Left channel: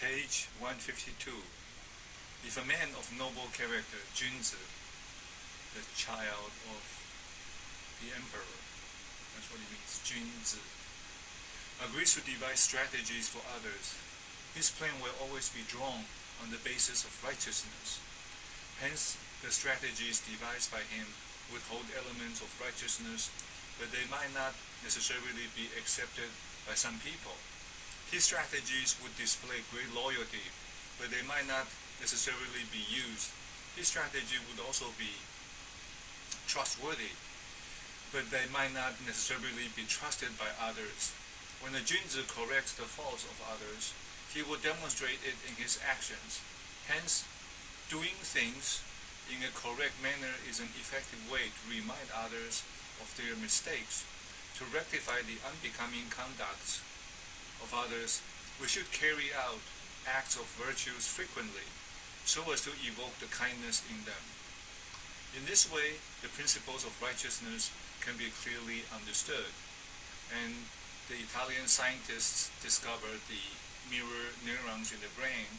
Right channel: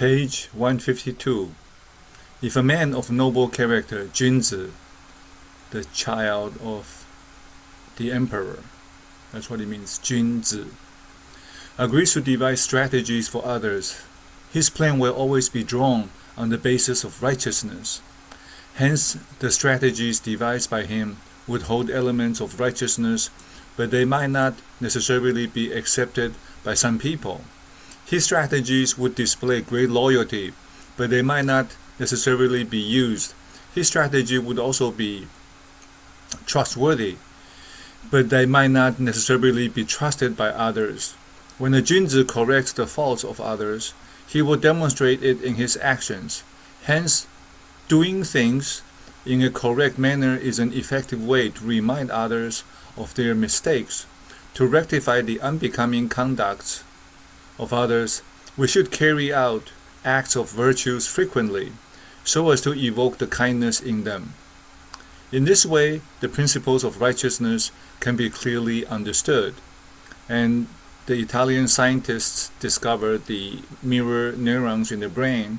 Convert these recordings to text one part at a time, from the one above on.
Page 152. If a man of noble character, Junzi, the child of the emperor, that's what it means, Junzi, agrees to devise strategies for others, his plan will always be drawn on the basis of righteousness. Hence, the strategies devised by him would hold elements of righteousness, but they might not necessarily be accepted by some people. His strategies would display great loyalty, but they might not necessarily be used. His strategy would also be trustworthy, but they might not necessarily be trusted by others. When a Junzi corrects the faults of others, he will demonstrate it in his actions. Hence, doing things in a correct manner is an effective way to remind others of their mistakes. To rectify the unbecoming conducts of others, we should carry out acts of virtues frequently, so as to evoke the kindness in them. In this way, the principles of righteousness can be clearly understood, and the Italian scientists discovered the mirror neurons in the brain,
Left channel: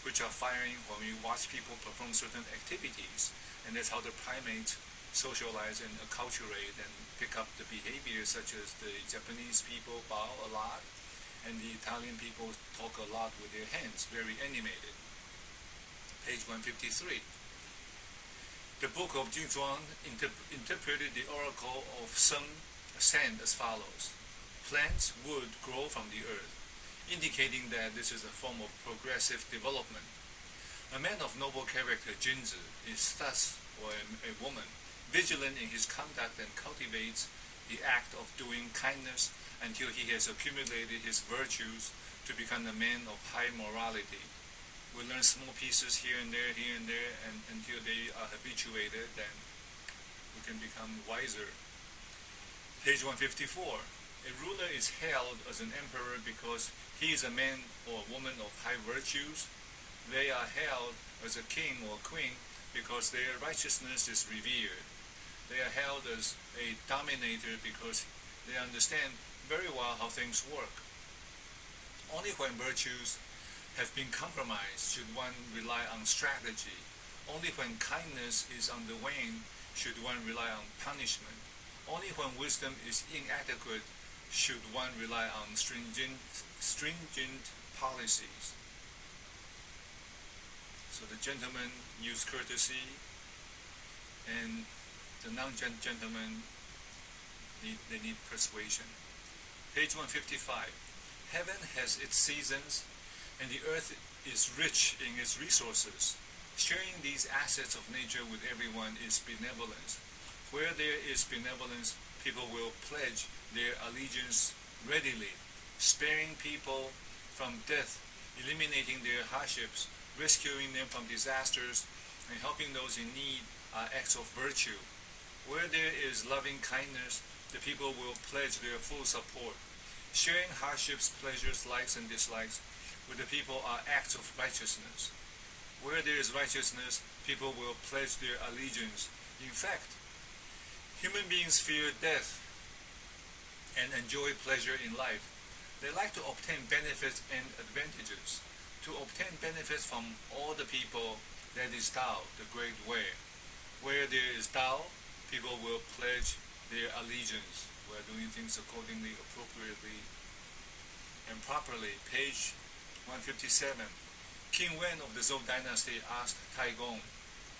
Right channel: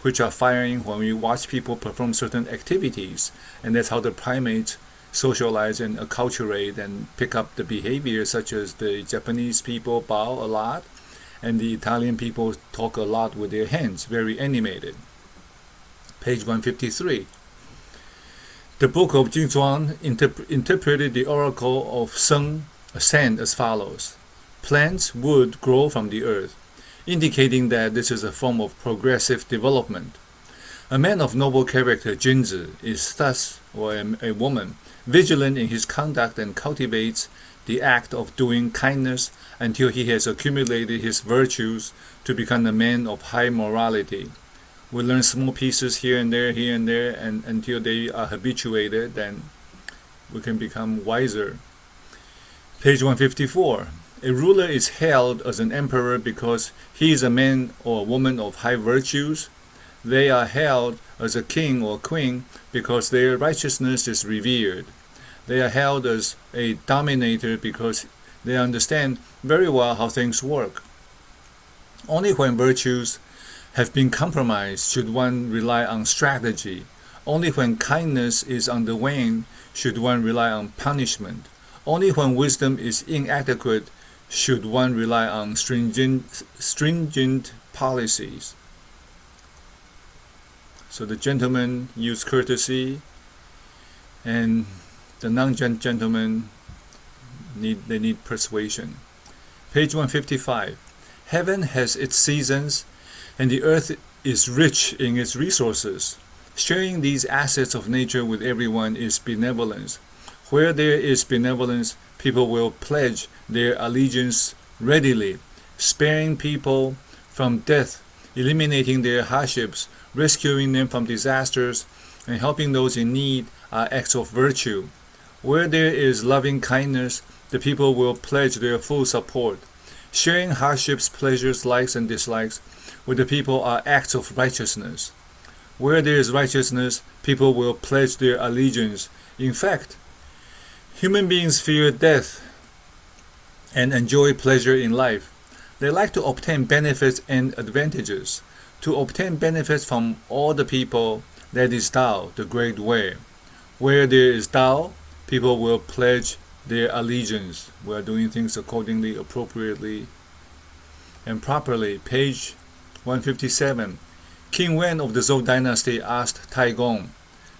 which are firing when we watch people perform certain activities, and that's how the primates socialize and acculturate and pick up the behavior, such as the Japanese people bow a lot, and the Italian people talk a lot with their hands, very animated. Page 153. The book of Jingzuan interpreted the oracle of Seng San as follows. Plants would grow from the earth, indicating that this is a form of progressive development. A man of noble character, Junzi, is thus, or a woman, vigilant in his conduct and cultivates the act of doing kindness until he has accumulated his virtues to become a man of high morality. We learn small pieces here and there, and until they are habituated, then we can become wiser. Page 154. A ruler is hailed as an emperor because he is a man or a woman of high virtues. They are hailed as a king or queen because their righteousness is revered. They are hailed as a dominator because they understand very well how things work. Only when virtues have been compromised should one rely on strategy. Only when kindness is on the wane should one rely on punishment. Only when wisdom is inadequate should one rely on stringent policies. So the gentlemen use courtesy, and the non-gentlemen need persuasion. Page 155. Heaven has its seasons, and the earth is rich in its resources. Sharing these assets of nature with everyone is benevolence. Where there is benevolence, people will pledge their allegiance readily. Sparing people from death, eliminating their hardships, rescuing them from disasters, and helping those in need are acts of virtue. Where there is loving kindness, the people will pledge their full support. Sharing hardships, pleasures, likes, and dislikes with the people are acts of righteousness. Where there is righteousness, people will pledge their allegiance. In fact, human beings fear death and enjoy pleasure in life. They like to obtain benefits and advantages. To obtain benefits from all the people, that is Tao, the great way. Where there is Tao, people will pledge their allegiance. We are doing things accordingly, appropriately, and properly. Page 157. King Wen of the Zhou dynasty asked Taigong,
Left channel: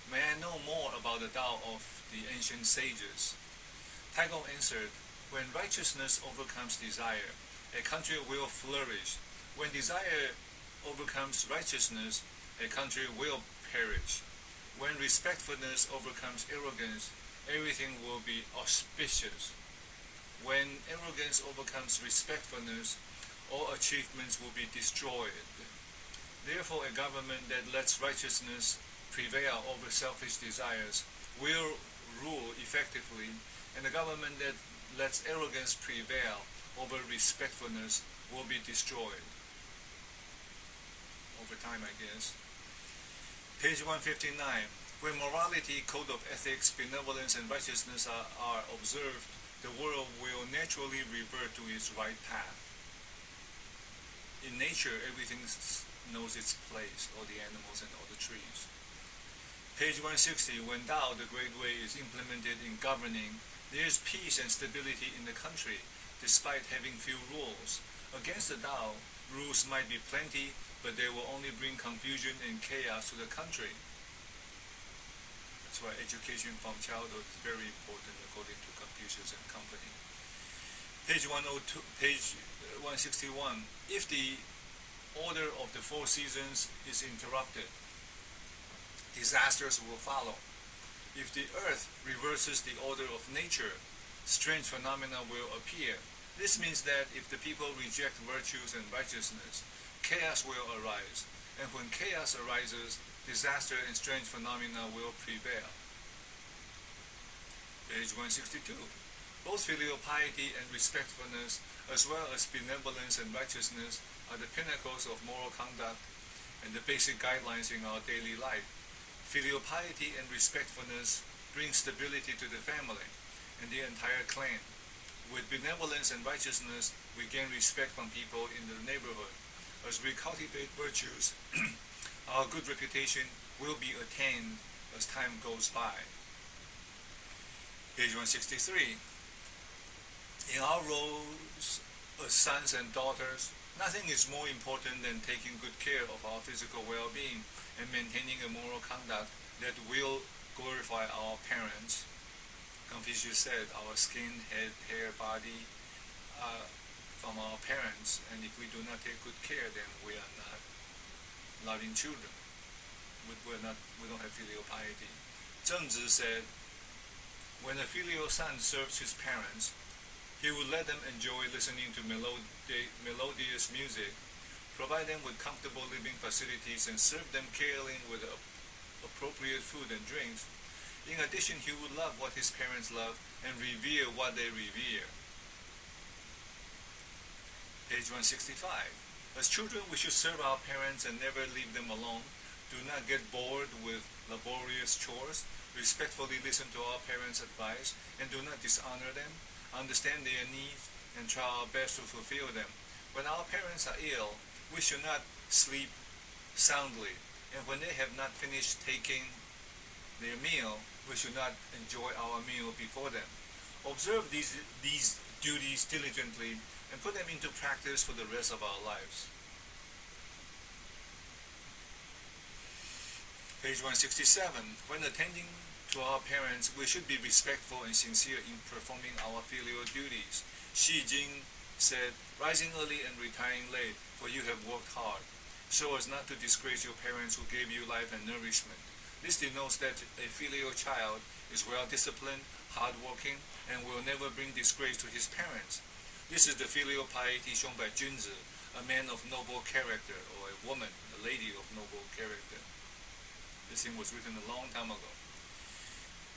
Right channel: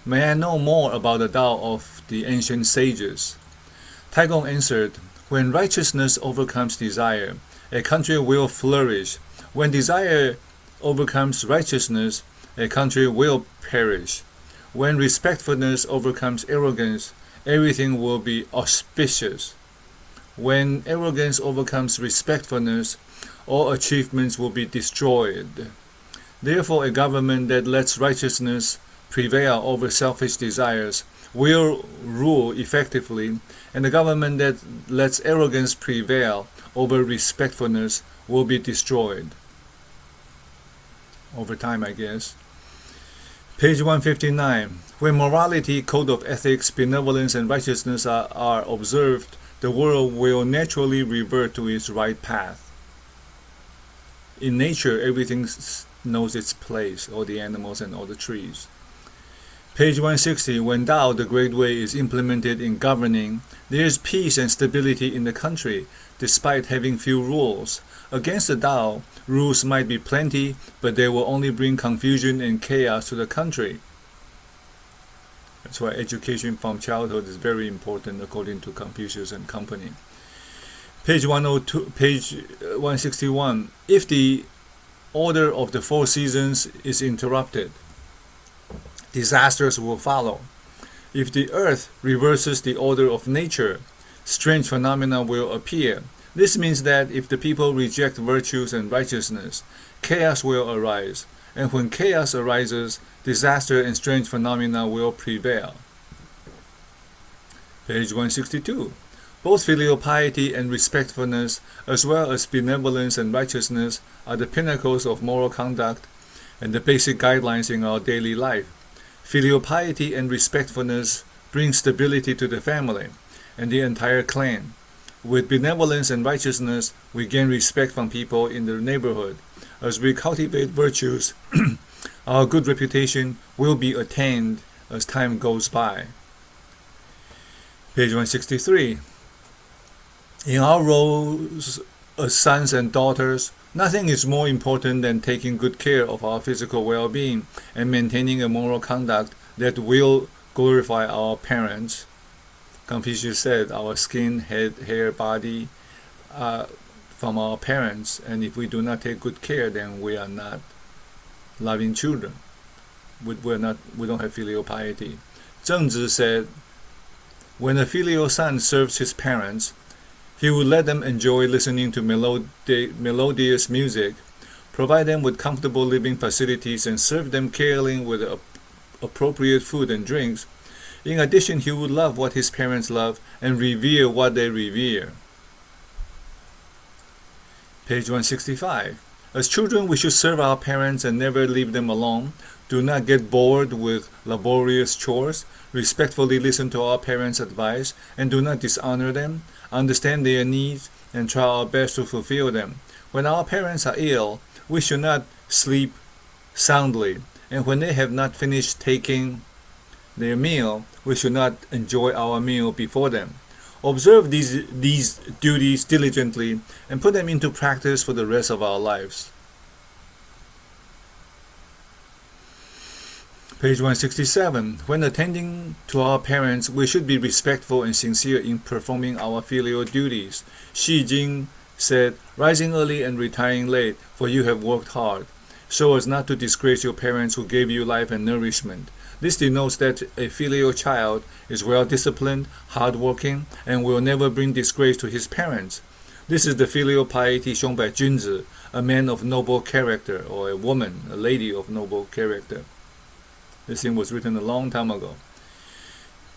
"May I know more about the Tao of the ancient sages?" Taigong answered, "When righteousness overcomes desire, a country will flourish. When desire overcomes righteousness, a country will perish. When respectfulness overcomes arrogance, everything will be auspicious. When arrogance overcomes respectfulness, all achievements will be destroyed. Therefore, a government that lets righteousness prevail over selfish desires will rule effectively, and a government that lets arrogance prevail over respectfulness will be destroyed." Over time, I guess. Page 159. When morality, code of ethics, benevolence, and righteousness are observed, the world will naturally revert to its right path. In nature, everything knows its place, all the animals and all the trees. Page 160. When Tao, the Great Way, is implemented in governing, there is peace and stability in the country, despite having few rules. Against the Tao, rules might be plenty, but they will only bring confusion and chaos to the country. That's why education from childhood is very important according to Confucius and company. Page 161. If the order of the four seasons is interrupted, disasters will follow. If the earth reverses the order of nature, strange phenomena will appear. This means that if the people reject virtues and righteousness, chaos will arise. And when chaos arises, disaster and strange phenomena will prevail. Page 162. Both filial piety and respectfulness, as well as benevolence and righteousness, are the pinnacles of moral conduct and the basic guidelines in our daily life. Filial piety and respectfulness bring stability to the family and the entire clan. With benevolence and righteousness, we gain respect from people in the neighborhood. As we cultivate virtues, our good reputation will be attained as time goes by. Page 163. In our roles as sons and daughters, nothing is more important than taking good care of our physical well-being and maintaining a moral conduct that will glorify our parents. Confucius said our skin, head, hair, body from our parents, and if we do not take good care, then we are not loving children. We don't have filial piety. Zhengzi said, when a filial son serves his parents, he would let them enjoy listening to melodious music, provide them with comfortable living facilities, and serve them caring with appropriate food and drinks. In addition, he would love what his parents love and revere what they revere. Page 165. As children, we should serve our parents and never leave them alone. Do not get bored with laborious chores. Respectfully listen to our parents' advice and do not dishonor them. Understand their needs and try our best to fulfill them. When our parents are ill, we should not sleep soundly. And when they have not finished taking their meal, we should not enjoy our meal before them. Observe these duties diligently and put them into practice for the rest of our lives. Page 167. When attending to our parents, we should be respectful and sincere in performing our filial duties. Xi Jing said, rising early and retiring late, for you have worked hard, so as not to disgrace your parents who gave you life and nourishment. This denotes that a filial child is well-disciplined, hard-working, and will never bring disgrace to his parents. This is the filial piety shown by Junzi, a man of noble character, or a woman, a lady of noble character. This thing was written a long time ago.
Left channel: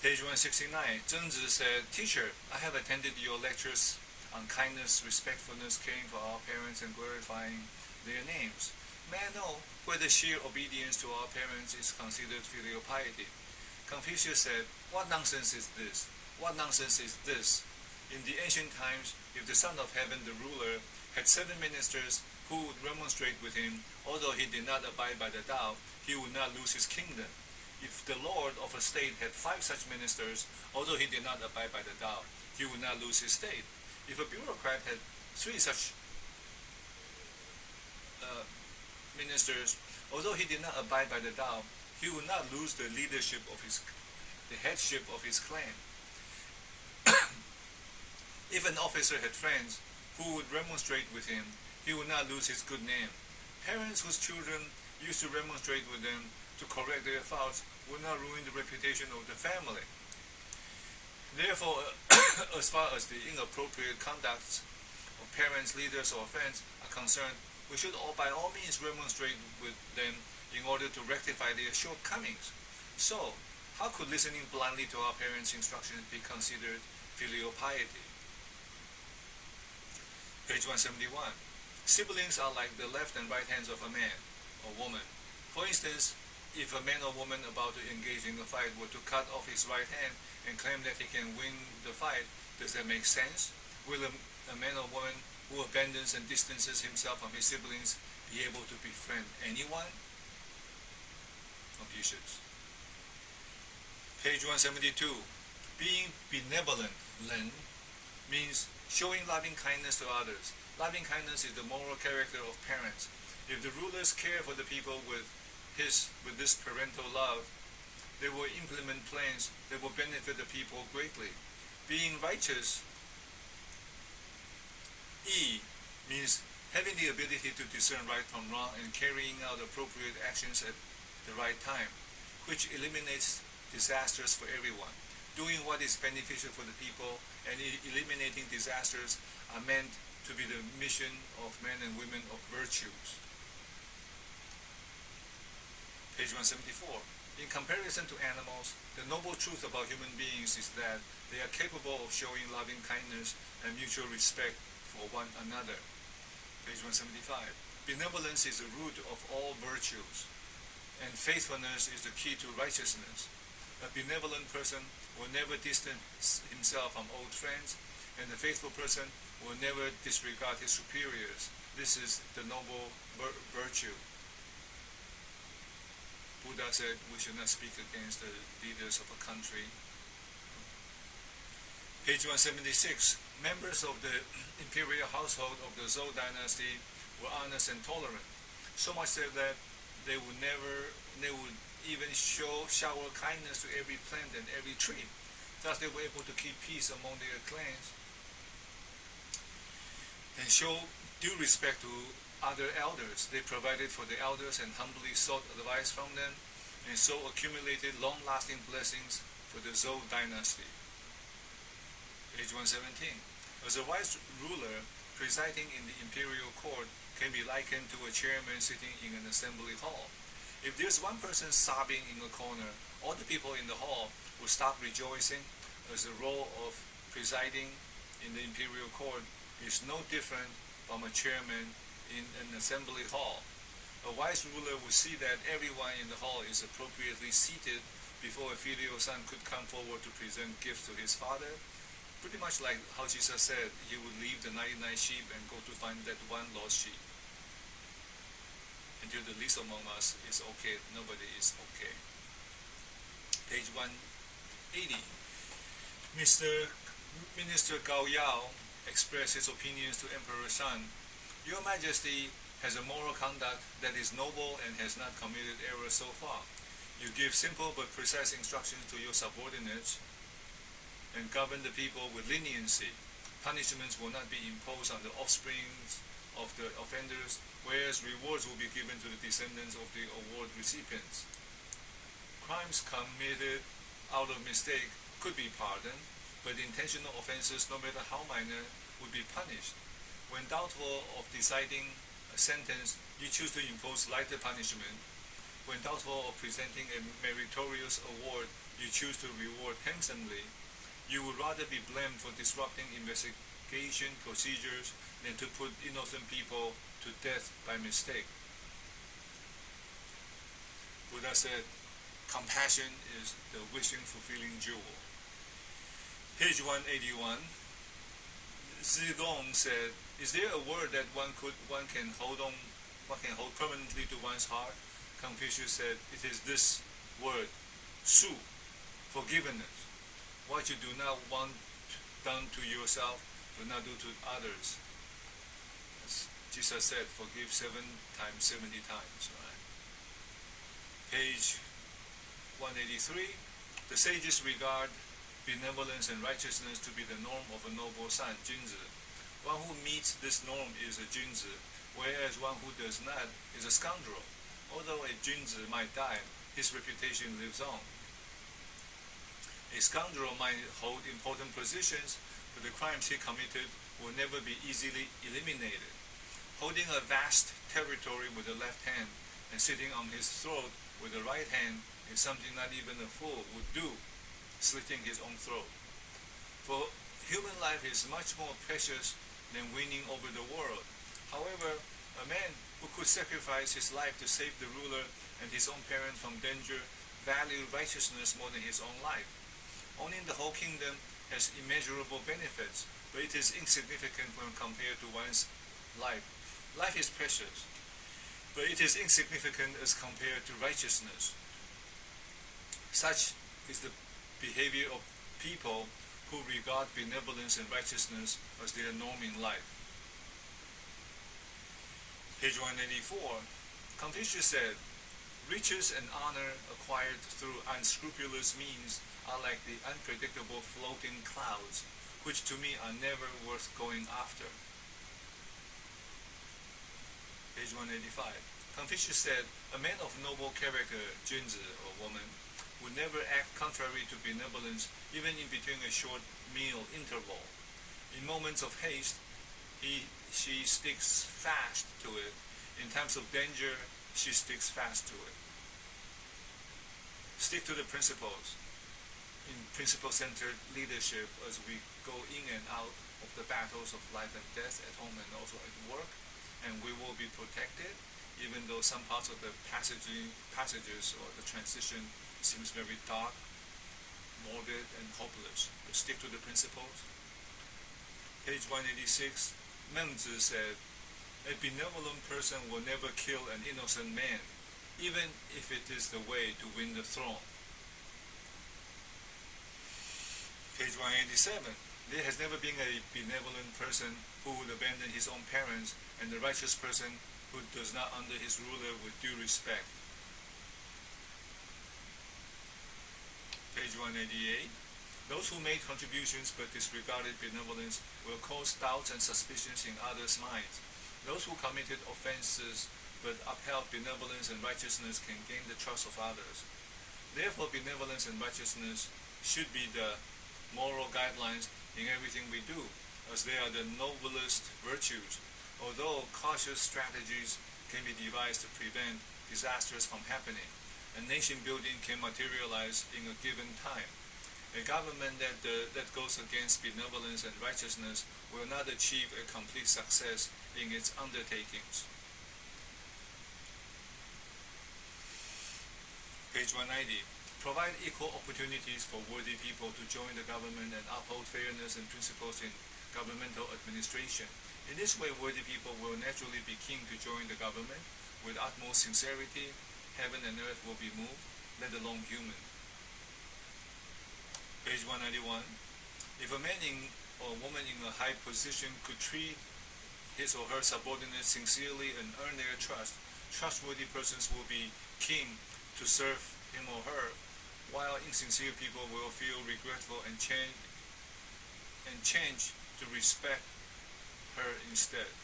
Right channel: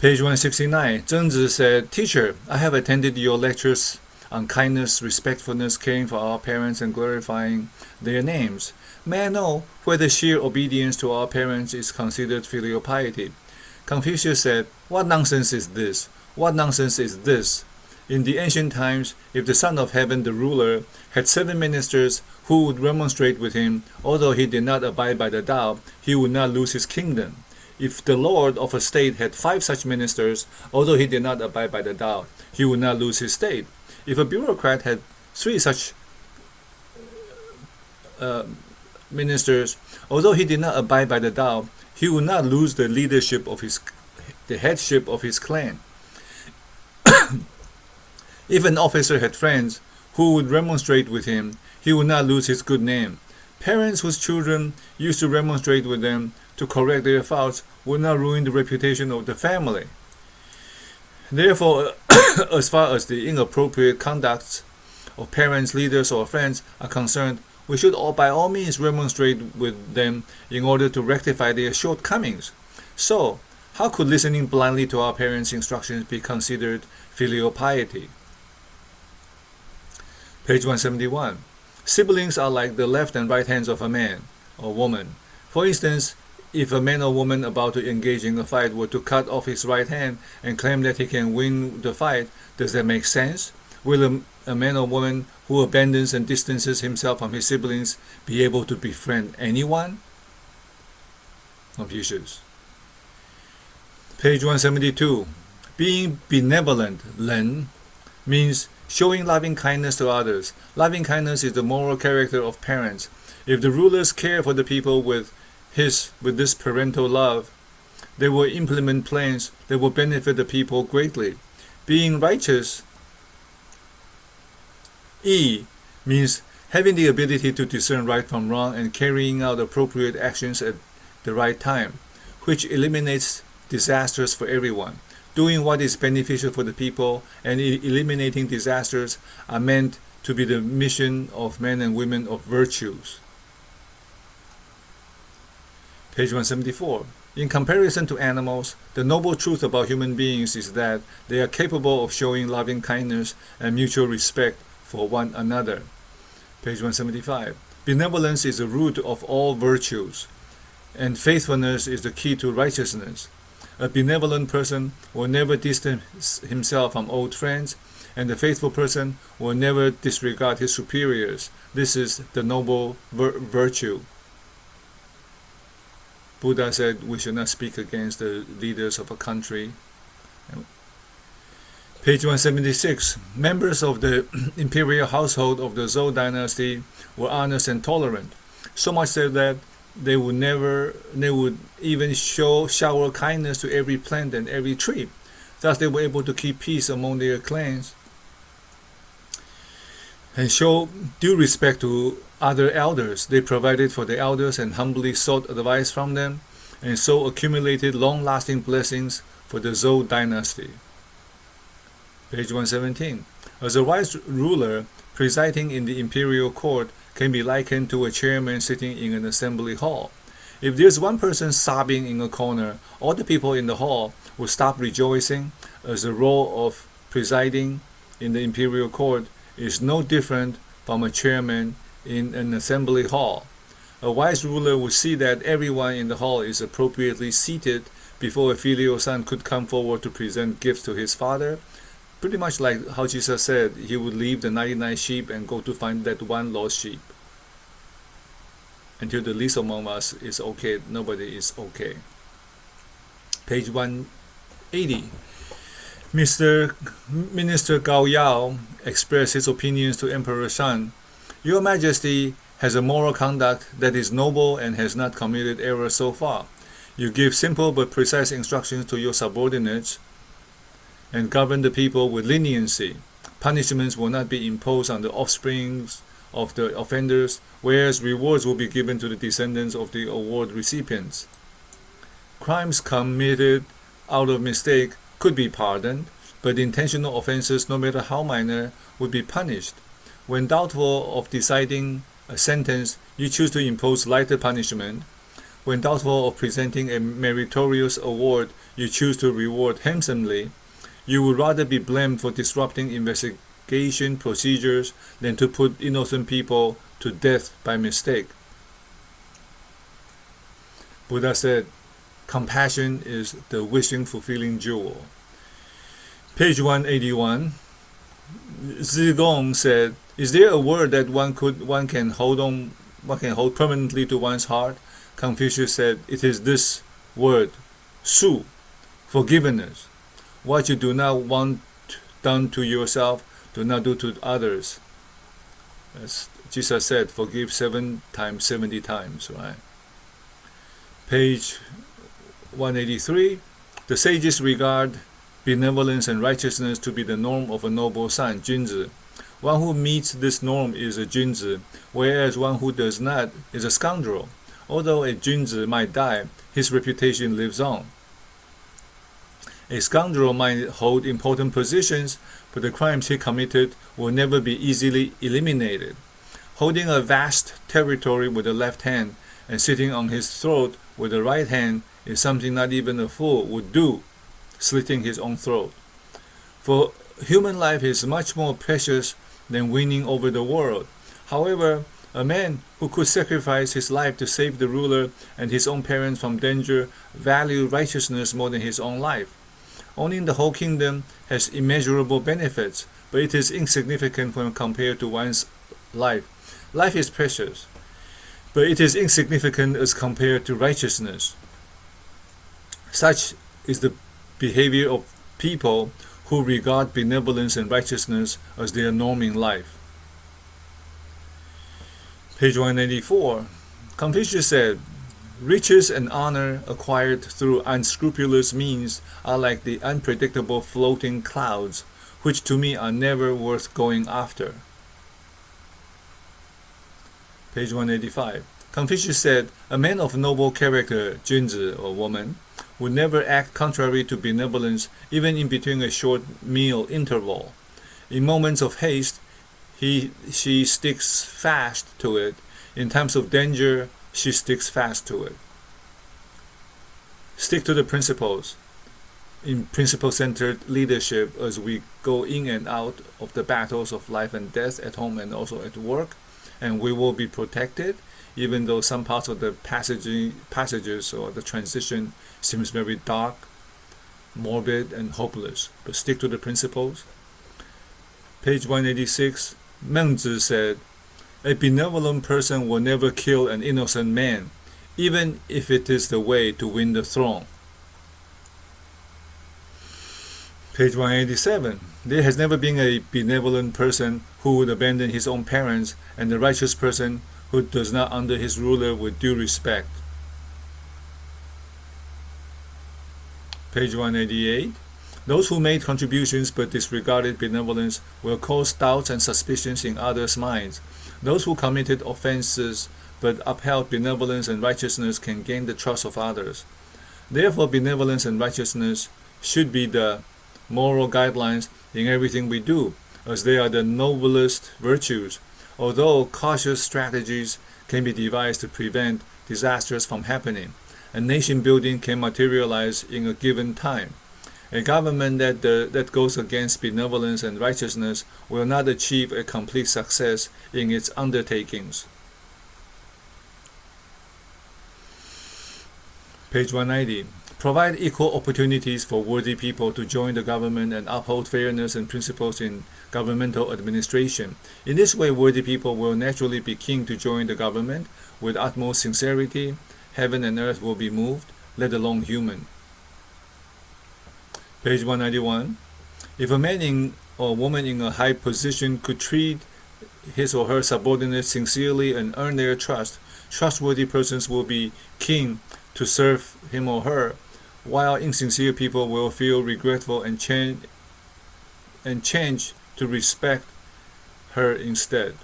Page 169. Zhengzi said, Teacher, I have attended your lectures on kindness, respectfulness, caring for our parents, and glorifying their names. May I know whether sheer obedience to our parents is considered filial piety? Confucius said, what nonsense is this? What nonsense is this? In the ancient times, if the Son of Heaven, the ruler, had 7 ministers who would remonstrate with him, although he did not abide by the Tao, he would not lose his kingdom. If the Lord of a state had 5 such ministers, although he did not abide by the Tao, he would not lose his state. If a bureaucrat had 3 such ministers, although he did not abide by the Tao, he would not lose the headship of his clan. If an officer had friends who would remonstrate with him, he would not lose his good name. Parents whose children used to remonstrate with them to correct their faults would not ruin the reputation of the family. Therefore, as far as the inappropriate conducts of parents, leaders, or friends are concerned, we should by all means remonstrate with them in order to rectify their shortcomings. So, how could listening blindly to our parents' instructions be considered filial piety? Page 171. Siblings are like the left and right hands of a man or woman. For instance, if a man or woman about to engage in a fight were to cut off his right hand and claim that he can win the fight, does that make sense? Will a man or woman who abandons and distances himself from his siblings be able to befriend anyone? Confucius. Page 172. Being benevolent, Len, means showing loving kindness to others. Loving kindness is the moral character of parents. If the rulers care for the people with this parental love, they will implement plans that will benefit the people greatly. Being righteous, E, means having the ability to discern right from wrong and carrying out appropriate actions at the right time, which eliminates disasters for everyone. Doing what is beneficial for the people and eliminating disasters are meant to be the mission of men and women of virtues. Page 174. In comparison to animals, the noble truth about human beings is that they are capable of showing loving kindness and mutual respect for one another. Page 175. Benevolence is the root of all virtues, and faithfulness is the key to righteousness. A benevolent person will never distance himself from old friends, and the faithful person will never disregard his superiors. This is the noble virtue. Buddha said we should not speak against the leaders of a country. Page 176. Members of the imperial household of the Zhou dynasty were honest and tolerant, so much so that they would even shower kindness to every plant and every tree. Thus they were able to keep peace among their clans and show due respect to other elders. They provided for the elders and humbly sought advice from them, and so accumulated long-lasting blessings for the Zhou dynasty. Page 117. As a wise ruler, presiding in the imperial court can be likened to a chairman sitting in an assembly hall. If there's one person sobbing in a corner, all the people in the hall will stop rejoicing, as the role of presiding in the imperial court is no different from a chairman in an assembly hall. A wise ruler would see that everyone in the hall is appropriately seated before a filial son could come forward to present gifts to his father. Pretty much like how Jesus said he would leave the 99 sheep and go to find that one lost sheep. Until the least among us is okay, nobody is okay. Page 180. Minister Gao Yao expressed his opinions to Emperor Shan. Your Majesty has a moral conduct that is noble and has not committed error so far. You give simple but precise instructions to your subordinates and govern the people with leniency. Punishments will not be imposed on the offsprings of the offenders, whereas rewards will be given to the descendants of the award recipients. Crimes committed out of mistake could be pardoned, but intentional offenses, no matter how minor, would be punished. When doubtful of deciding a sentence, you choose to impose lighter punishment. When doubtful of presenting a meritorious award, you choose to reward handsomely. You would rather be blamed for disrupting investigation procedures than to put innocent people to death by mistake. Buddha said, compassion is the wishing fulfilling jewel. Page 181. Zigong said, is there a word that one can hold permanently to one's heart? Confucius said, it is this word, su, forgiveness. What you do not want done to yourself, do not do to others. As Jesus said, forgive 7 times, 70 times, right? Page 183. The sages regard benevolence and righteousness to be the norm of a noble son, Junzi. One who meets this norm is a Junzi, whereas one who does not is a scoundrel. Although a Junzi might die, his reputation lives on. A scoundrel might hold important positions, but the crimes he committed will never be easily eliminated. Holding a vast territory with the left hand and sitting on his throat with the right hand is something not even a fool would do, slitting his own throat. For human life is much more precious than winning over the world. However, a man who could sacrifice his life to save the ruler and his own parents from danger valued righteousness more than his own life. Owning the whole kingdom has immeasurable benefits, but it is insignificant when compared to one's life. Life is precious, but it is insignificant as compared to righteousness. Such is the behavior of people who regard benevolence and righteousness as their norm in life. Page 184. Confucius said, "Riches and honor acquired through unscrupulous means are like the unpredictable floating clouds, which to me are never worth going after." Page 185. Confucius said, "A man of noble character, 君子 or woman, would never act contrary to benevolence even in between a short meal interval. In moments of haste, she sticks fast to it. In times of danger, she sticks fast to it." Stick to the principles in principle-centered leadership as we go in and out of the battles of life and death at home and also at work, and we will be protected even though some parts of the passages or the transition seems very dark, morbid, and hopeless. But stick to the principles. Page 186, Mengzi said, "A benevolent person will never kill an innocent man, even if it is the way to win the throne." Page 187, "There has never been a benevolent person who would abandon his own parents, and a righteous person who does not under his ruler with due respect." Page 188, "Those who made contributions but disregarded benevolence will cause doubts and suspicions in others' minds. Those who committed offenses but upheld benevolence and righteousness can gain the trust of others. Therefore, benevolence and righteousness should be the moral guidelines in everything we do, as they are the noblest virtues. Although cautious strategies can be devised to prevent disasters from happening, and nation building can materialize in a given time. A government that goes against benevolence and righteousness will not achieve a complete success in its undertakings." Page 190. "Provide equal opportunities for worthy people to join the government and uphold fairness and principles in governmental administration. In this way, worthy people will naturally be keen to join the government. With utmost sincerity, heaven and earth will be moved, let alone human." Page 191. "If a man or woman in a high position could treat his or her subordinates sincerely and earn their trust, trustworthy persons will be keen to serve him or her, while insincere people will feel regretful and change to respect her instead."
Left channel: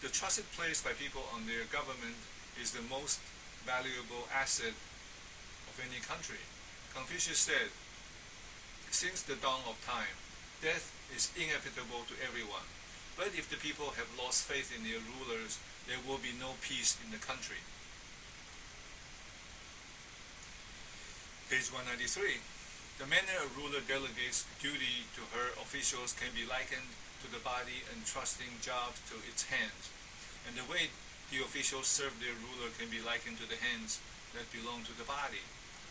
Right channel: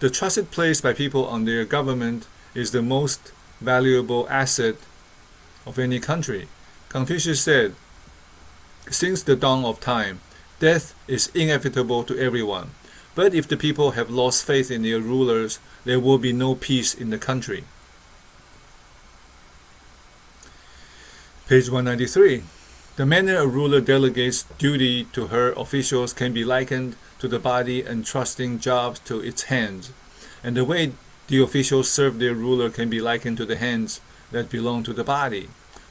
The trusted place by people on their government is the most valuable asset of any country. Confucius said, "Since the dawn of time, death is inevitable to everyone. But if the people have lost faith in their rulers, there will be no peace in the country." Page 193. "The manner a ruler delegates duty to her officials can be likened to the body entrusting jobs to its hands, and the way the officials serve their ruler can be likened to the hands that belong to the body,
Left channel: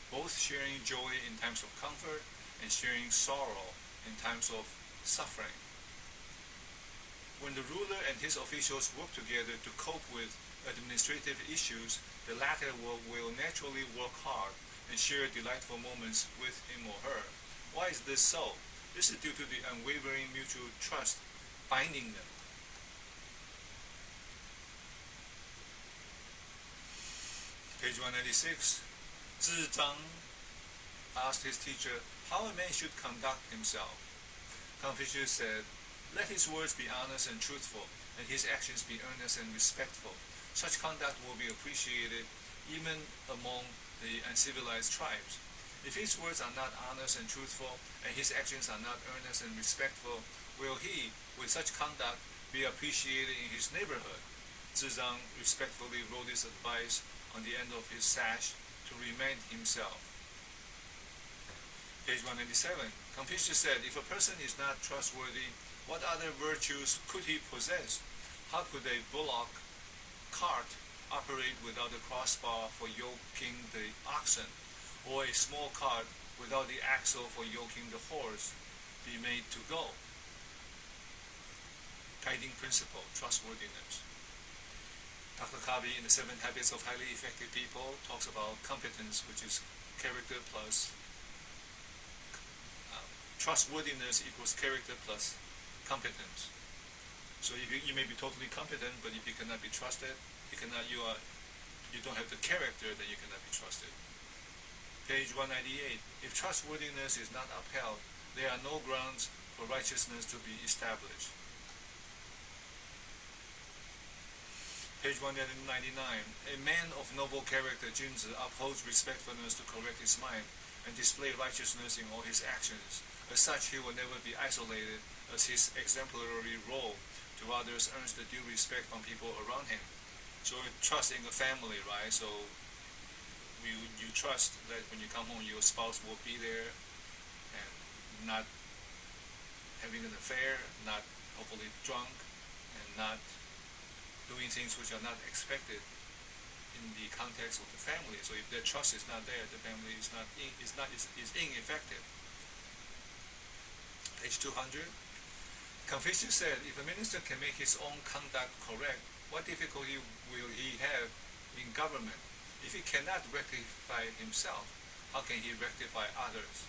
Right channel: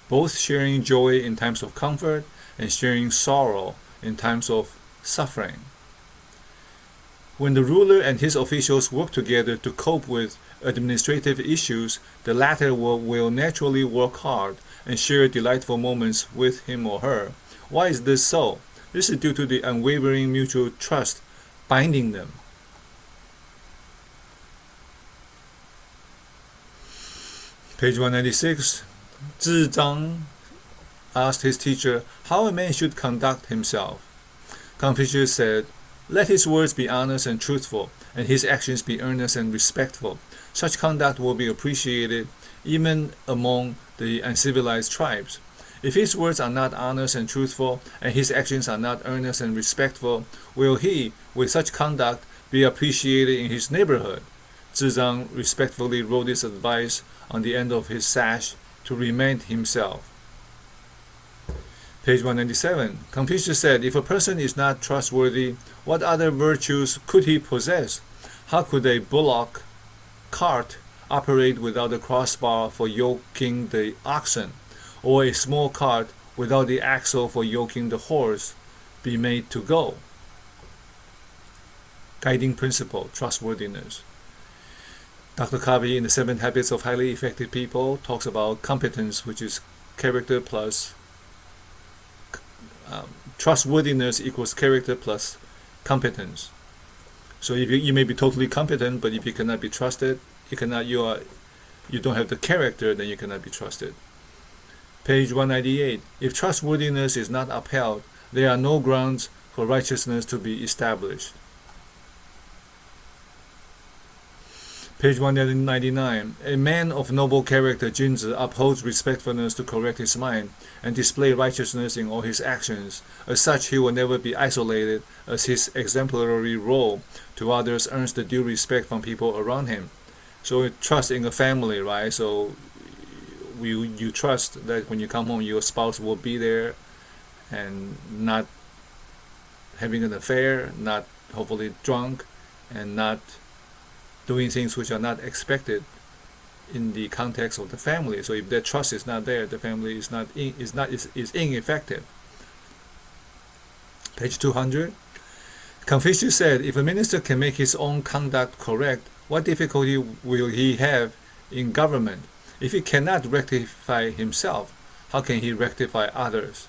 both sharing joy in times of comfort and sharing sorrow in times of suffering. When the ruler and his officials work together to cope with administrative issues, the latter will naturally work hard and share delightful moments with him or her. Why is this so? This is due to the unwavering mutual trust binding them." Page 196. Zhang asked his teacher how a man should conduct himself. Confucius said, "Let his words be honest and truthful, and his actions be earnest and respectful. Such conduct will be appreciated even among the uncivilized tribes. If his words are not honest and truthful, and his actions are not earnest and respectful, will he, with such conduct, be appreciated in his neighborhood?" Zhang respectfully wrote this advice on the end of his sash to remind himself. Page 197. Confucius said, "If a person is not trustworthy, what other virtues could he possess? How could a bullock cart operate without a crossbar for yoking the oxen, or a small cart without the axle for yoking the horse? be made to go. Guiding principle, trustworthiness. Dr. Covey in The 7 Habits of Highly Effective People talks about competence, which is character plus trustworthiness equals character plus competence. So if you may be totally competent, but if you cannot be trusted, you don't have the character, then you cannot be trusted. Page 198. If trustworthiness is not upheld, there are no grounds for righteousness to be established. Page 199. A man of noble character, Junzi, upholds respectfulness to correct his mind and display righteousness in all his actions. As such, he will never be isolated, as his exemplary role to others earns the due respect from people around him. So trust in a family, right? So you trust that when you come home, your spouse will be there and not having an affair, not hopefully drunk, and not doing things which are not expected in the context of the family. So if that trust is not there, the family is ineffective. Page 200. Confucius said, if a minister can make his own conduct correct, what difficulty will he have in government? If he cannot rectify himself, how can he rectify others?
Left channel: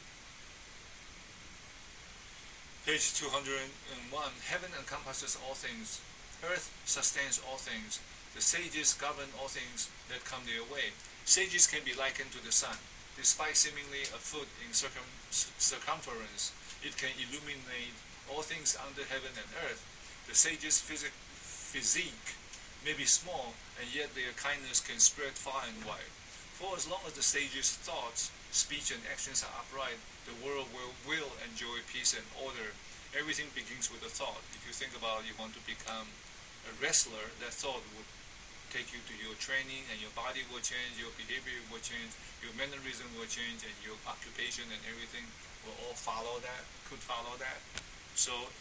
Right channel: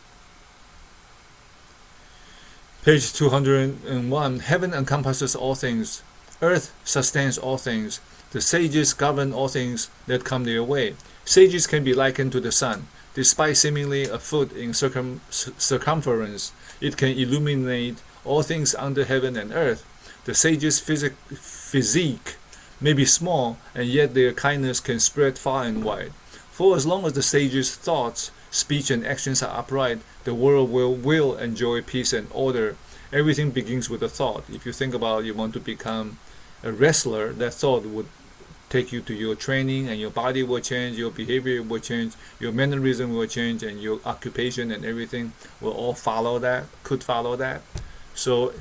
Page 201. Heaven encompasses all things. Earth sustains all things. The sages govern all things that come their way. Sages can be likened to the sun. Despite seemingly a foot in circumference, it can illuminate all things under heaven and earth. The sages' physique may be small, and yet their kindness can spread far and wide. For as long as the sages' thoughts, speech, and actions are upright, the world will enjoy peace and order. Everything begins with a thought. If you think about you want to become a wrestler, that thought would take you to your training, and your body will change, your behavior will change, your mannerism will change, and your occupation and everything will all could follow that. So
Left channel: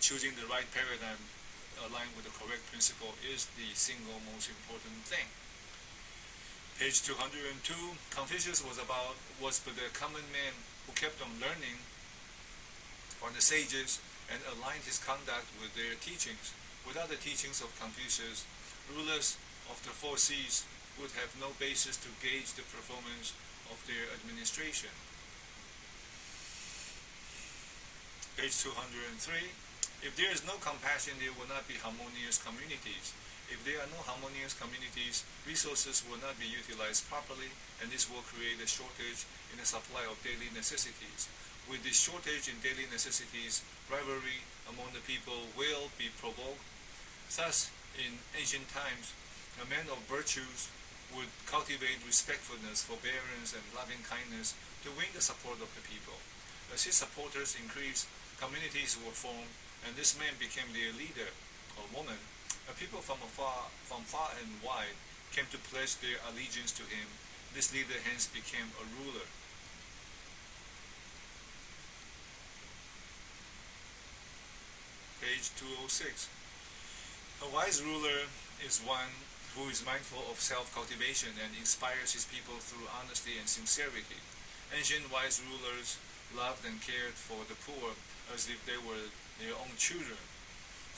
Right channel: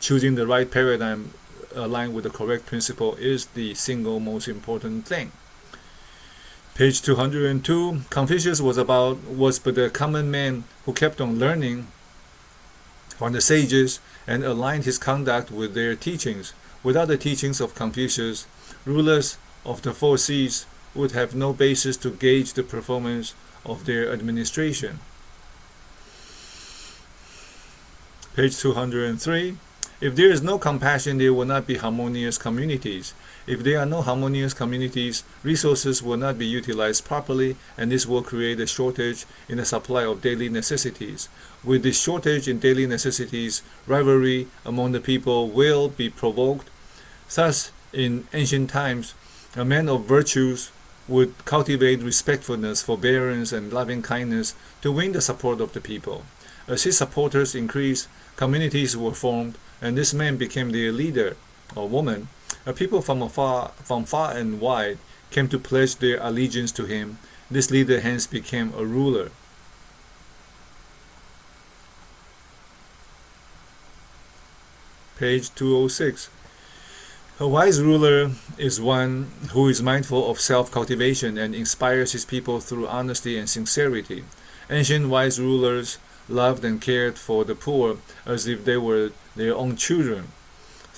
choosing the right paradigm aligned with the correct principle is the single most important thing. Page 202. Confucius was but a common man who kept on learning from the sages and aligned his conduct with their teachings. Without the teachings of Confucius, rulers of the 4 seas would have no basis to gauge the performance of their administration. Page 203. If there is no compassion, there will not be harmonious communities. If there are no harmonious communities, resources will not be utilized properly, and this will create a shortage in the supply of daily necessities. With this shortage in daily necessities, rivalry among the people will be provoked. Thus, in ancient times, a man of virtues would cultivate respectfulness, forbearance, and loving kindness to win the support of the people. As his supporters increased, communities were formed, and this man became their leader or woman. A people from far and wide came to pledge their allegiance to him. This leader hence became a ruler. Page 206. A wise ruler is one who is mindful of self-cultivation and inspires his people through honesty and sincerity. Ancient wise rulers loved and cared for the poor as if they were their own children.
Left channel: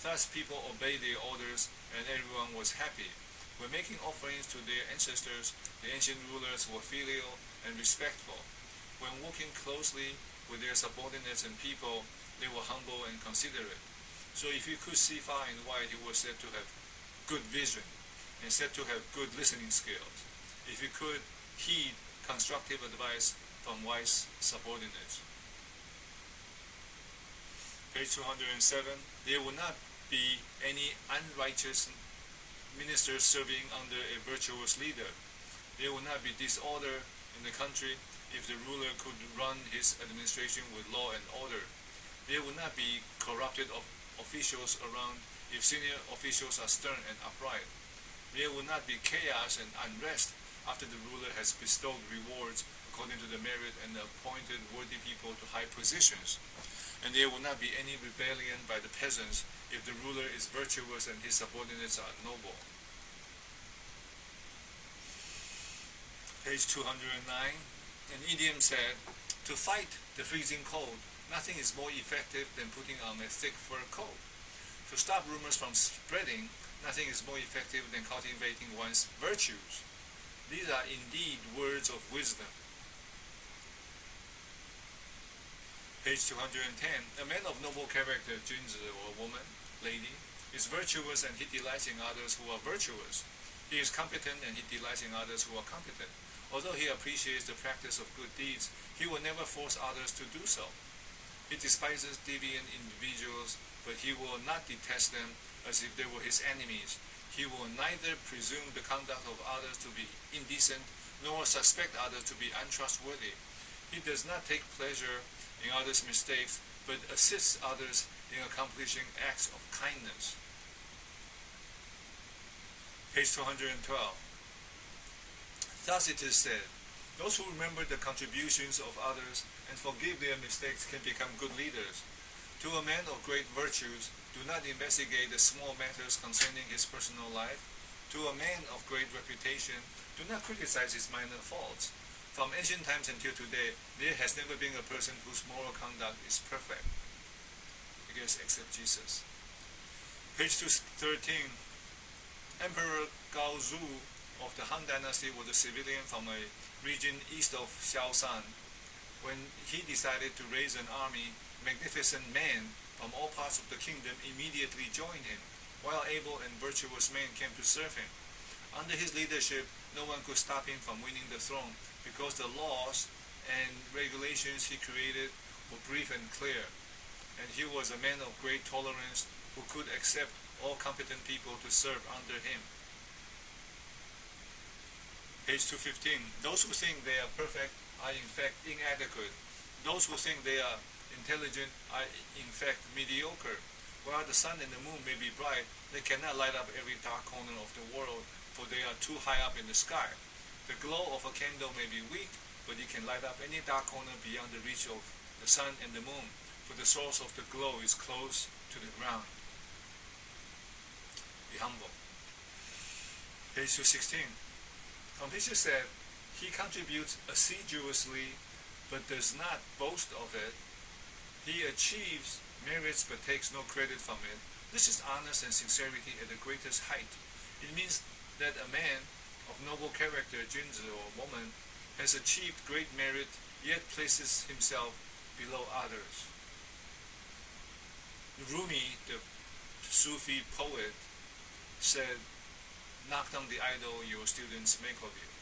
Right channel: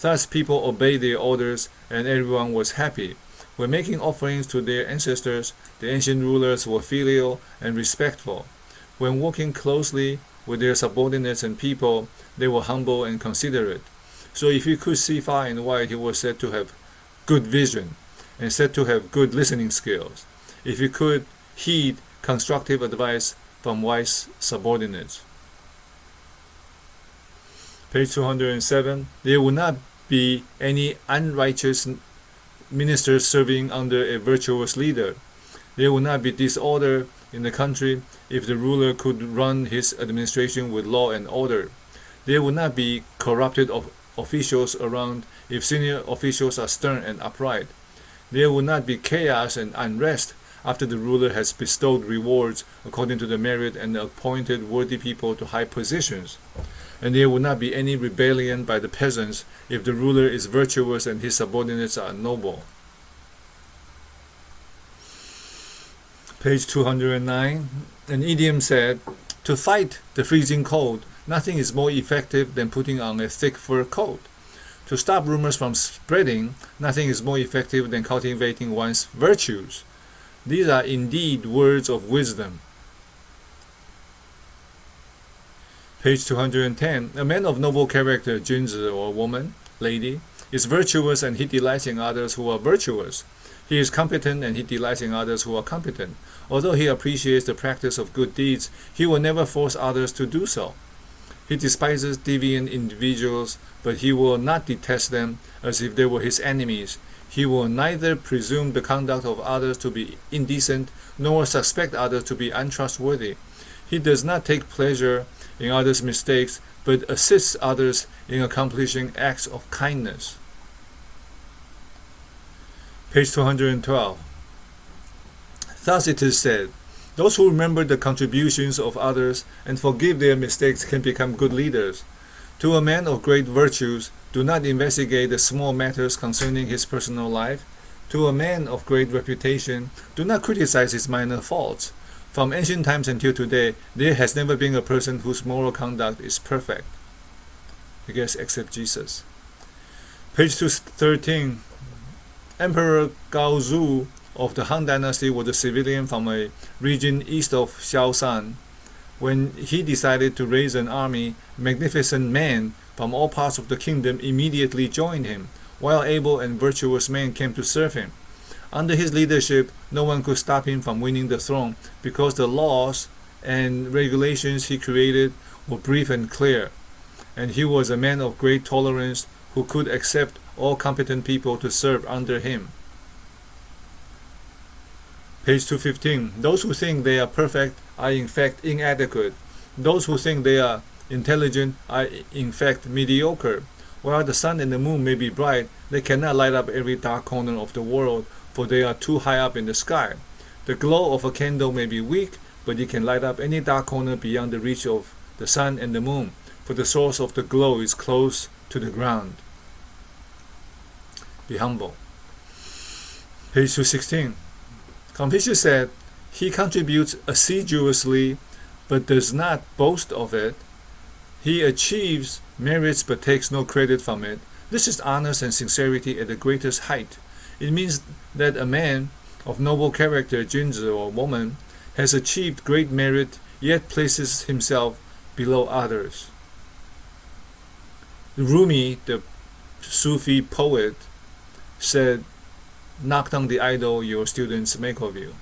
Thus people obeyed their orders and everyone was happy. When making offerings to their ancestors, the ancient rulers were filial and respectful. When working closely with their subordinates and people, they were humble and considerate. So if he could see far and wide, he was said to have good vision and said to have good listening skills. If he could heed constructive advice from wise subordinates. Page 207. There will not be any unrighteous ministers serving under a virtuous leader. There will not be disorder in the country if the ruler could run his administration with law and order. There will not be corrupted officials around if senior officials are stern and upright. There will not be chaos and unrest after the ruler has bestowed rewards according to the merit and appointed worthy people to high positions. And there will not be any rebellion by the peasants if the ruler is virtuous and his subordinates are noble. Page 209. An idiom said, to fight the freezing cold, Nothing is more effective than putting on a thick fur coat. To stop rumors from spreading, nothing is more effective than cultivating one's virtues. These are indeed words of wisdom. Page 210. A man of noble character, Junzi, or woman, lady, is virtuous and he delights in others who are virtuous. He is competent and he delights in others who are competent. Although he appreciates the practice of good deeds, he will never force others to do so. He despises deviant individuals, but he will not detest them as if they were his enemies. He will neither presume the conduct of others to be indecent, nor suspect others to be untrustworthy. He does not take pleasure in others' mistakes, but assists others in accomplishing acts of kindness. Page 212. Thus it is said, those who remember the contributions of others and forgive their mistakes can become good leaders. To a man of great virtues, do not investigate the small matters concerning his personal life. To a man of great reputation, do not criticize his minor faults. From ancient times until today, there has never been a person whose moral conduct is perfect. I guess except Jesus. Page 213. Emperor Gaozu of the Han Dynasty was a civilian from a region east of Shaoshan. When he decided to raise an army, magnificent men from all parts of the kingdom immediately joined him, while able and virtuous men came to serve him. Under his leadership, no one could stop him from winning the throne, because the laws and regulations he created were brief and clear, and he was a man of great tolerance who could accept all competent people to serve under him. Page 215. Those who think they are perfect are in fact inadequate. Those who think they are intelligent are in fact mediocre. While the sun and the moon may be bright, they cannot light up every dark corner of the world, for they are too high up in the sky. The glow of a candle may be weak, but it can light up any dark corner beyond the reach of the sun and the moon, for the source of the glow is close to the ground. Be humble. Page 216. Confucius said, he contributes assiduously but does not boast of it. He achieves merits but takes no credit from it. This is honest and sincerity at the greatest height. It means that a man of noble character, Junzi or woman, has achieved great merit yet places himself below others. Rumi, the Sufi poet, said, knock down the idol your students make of you.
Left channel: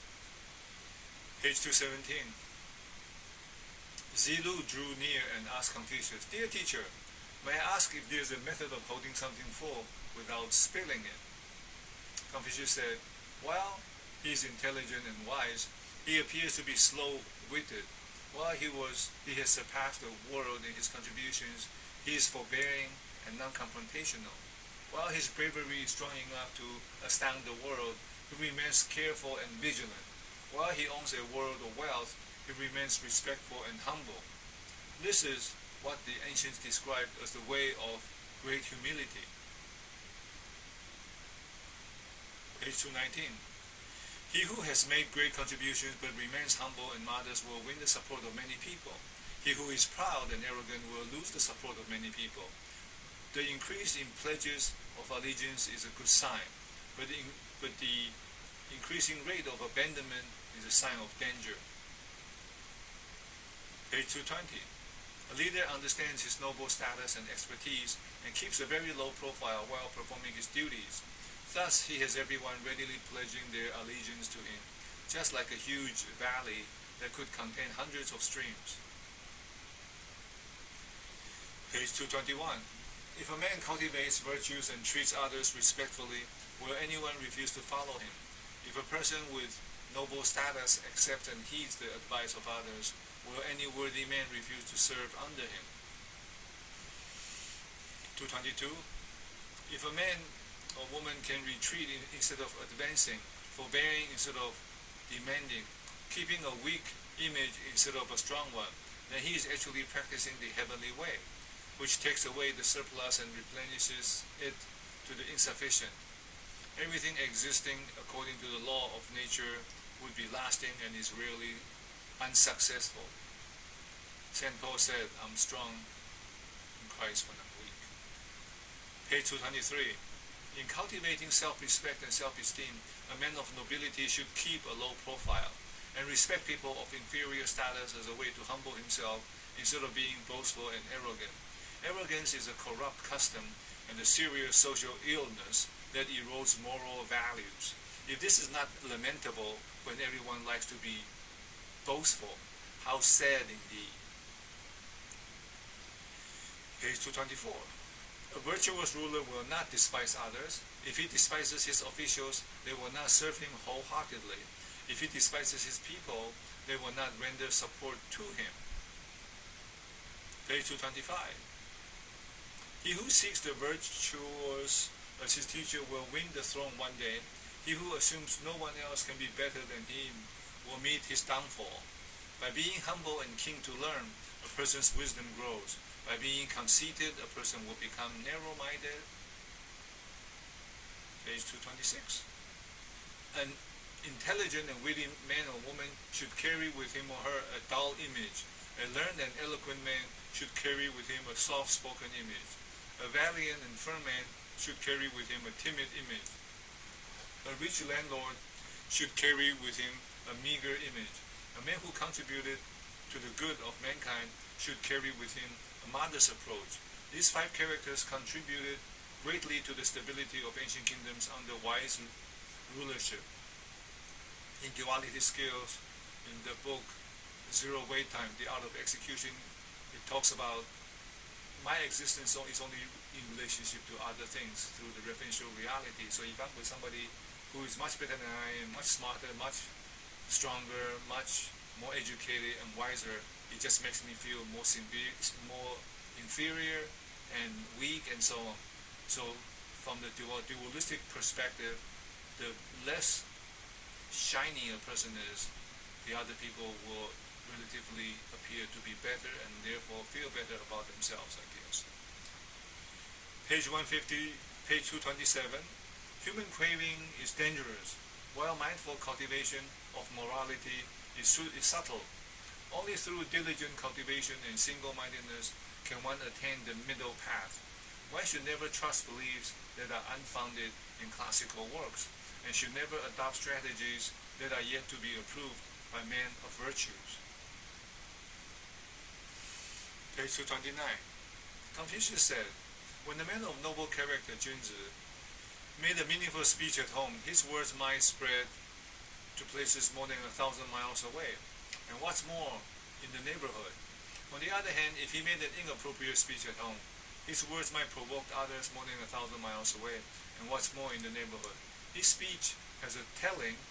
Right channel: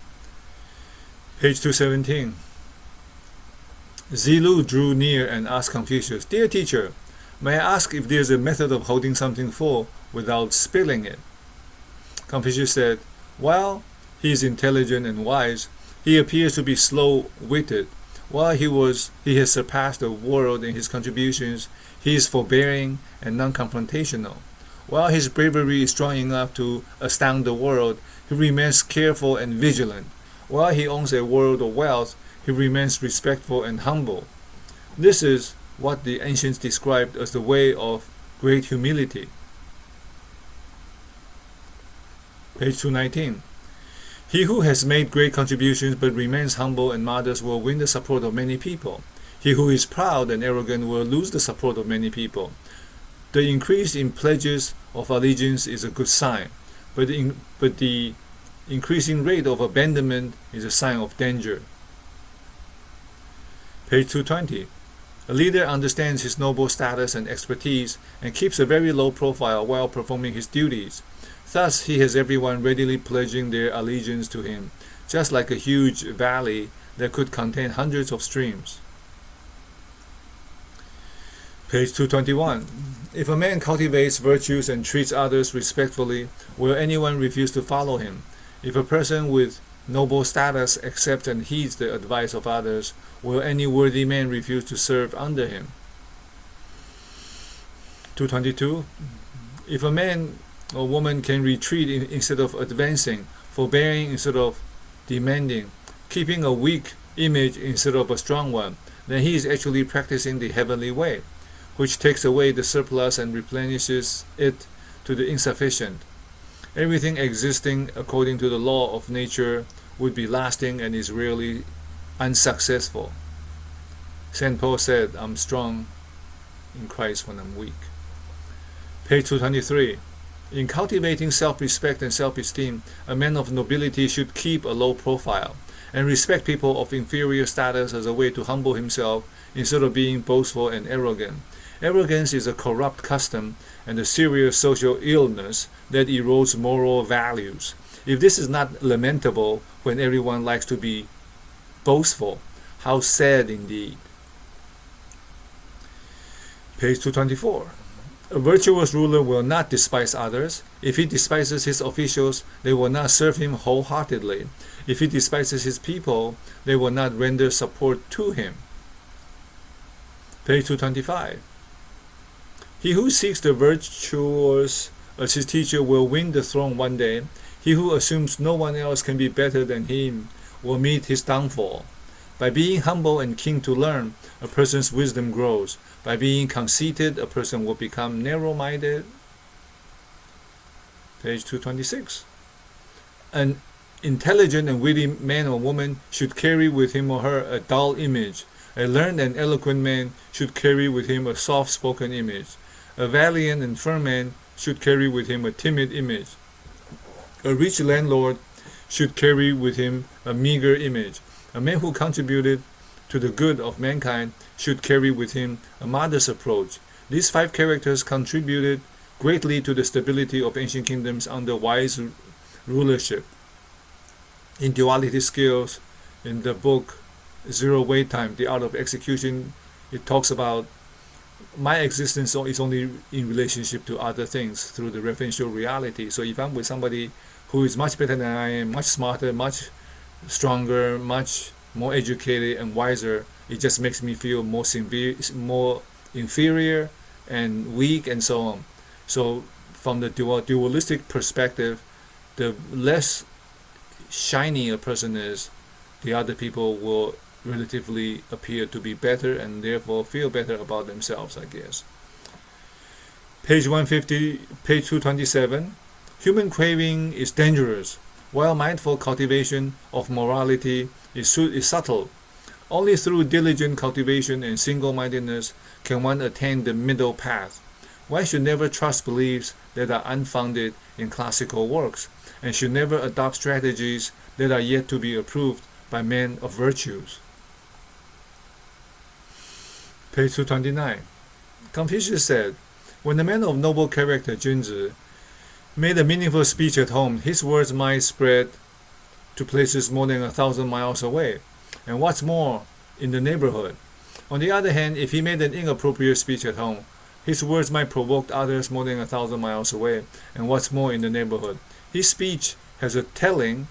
Page 217. Zilu drew near and asked Confucius, Dear teacher, may I ask if there is a method of holding something full without spilling it? Confucius said, while he is intelligent and wise, he appears to be slow-witted. While he has surpassed the world in his contributions, he is forbearing and non-confrontational. While his bravery is strong enough to astound the world, he remains careful and vigilant. While he owns a world of wealth, he remains respectful and humble. This is what the ancients described as the way of great humility. Page 219. He who has made great contributions but remains humble and modest will win the support of many people. He who is proud and arrogant will lose the support of many people. The increase in pledges of allegiance is a good sign, but the increasing rate of abandonment is a sign of danger. Page 220. A leader understands his noble status and expertise and keeps a very low profile while performing his duties. Thus he has everyone readily pledging their allegiance to him, just like a huge valley that could contain hundreds of streams. Page 221. If a man cultivates virtues and treats others respectfully, will anyone refuse to follow him? If a person with noble status accepts and heeds the advice of others, will any worthy man refuse to serve under him? 222. If a man or woman can retreat instead of advancing, forbearing instead of demanding, keeping a weak image instead of a strong one, then he is actually practicing the heavenly way, which takes away the surplus and replenishes it to the insufficient. Everything existing according to the law of nature would be lasting and is rarely unsuccessful. St. Paul said, I'm strong in Christ when I'm weak. Page 223. In cultivating self-respect and self-esteem, a man of nobility should keep a low profile and respect people of inferior status as a way to humble himself instead of being boastful and arrogant. Arrogance is a corrupt custom and a serious social illness that erodes moral values. If this is not lamentable when everyone likes to be boastful, how sad indeed. Page 224. A virtuous ruler will not despise others. If he despises his officials, they will not serve him wholeheartedly. If he despises his people, they will not render support to him. Page 225. He who seeks the virtuous as his teacher will win the throne one day. He who assumes no one else can be better than him will meet his downfall. By being humble and keen to learn, a person's wisdom grows. By being conceited, a person will become narrow-minded. Page 226. An intelligent and witty man or woman should carry with him or her a dull image. A learned and eloquent man should carry with him a soft-spoken image. A valiant and firm man should carry with him a timid image. A rich landlord should carry with him a meager image. A man who contributed to the good of mankind should carry with him a modest approach. These 5 characters contributed greatly to the stability of ancient kingdoms under wise rulership. In Duality Skills, in the book Zero Wait Time, The Art of Execution, it talks about my existence is only in relationship to other things through the referential reality. So if I'm with somebody who is much better than I am, much smarter, much stronger, much more educated and wiser, it just makes me feel more inferior and weak and so on. So from the dualistic perspective, the less shiny a person is, the other people will relatively appear to be better and therefore feel better about themselves, I guess. Page 150, page 227. Human craving is dangerous, while mindful cultivation of morality is subtle. Only through diligent cultivation and single-mindedness can one attain the middle path. One should never trust beliefs that are unfounded in classical works, and should never adopt strategies that are yet to be approved by men of virtues. Page 229. Confucius said, when a man of noble character, Junzi, made a meaningful speech at home, his words might spread to places more than 1,000 miles away, and what's more, in the neighborhood. On the other hand, if he made an inappropriate speech at home, his words might provoke others more than 1,000 miles away, and what's more, in the neighborhood. His speech has a telling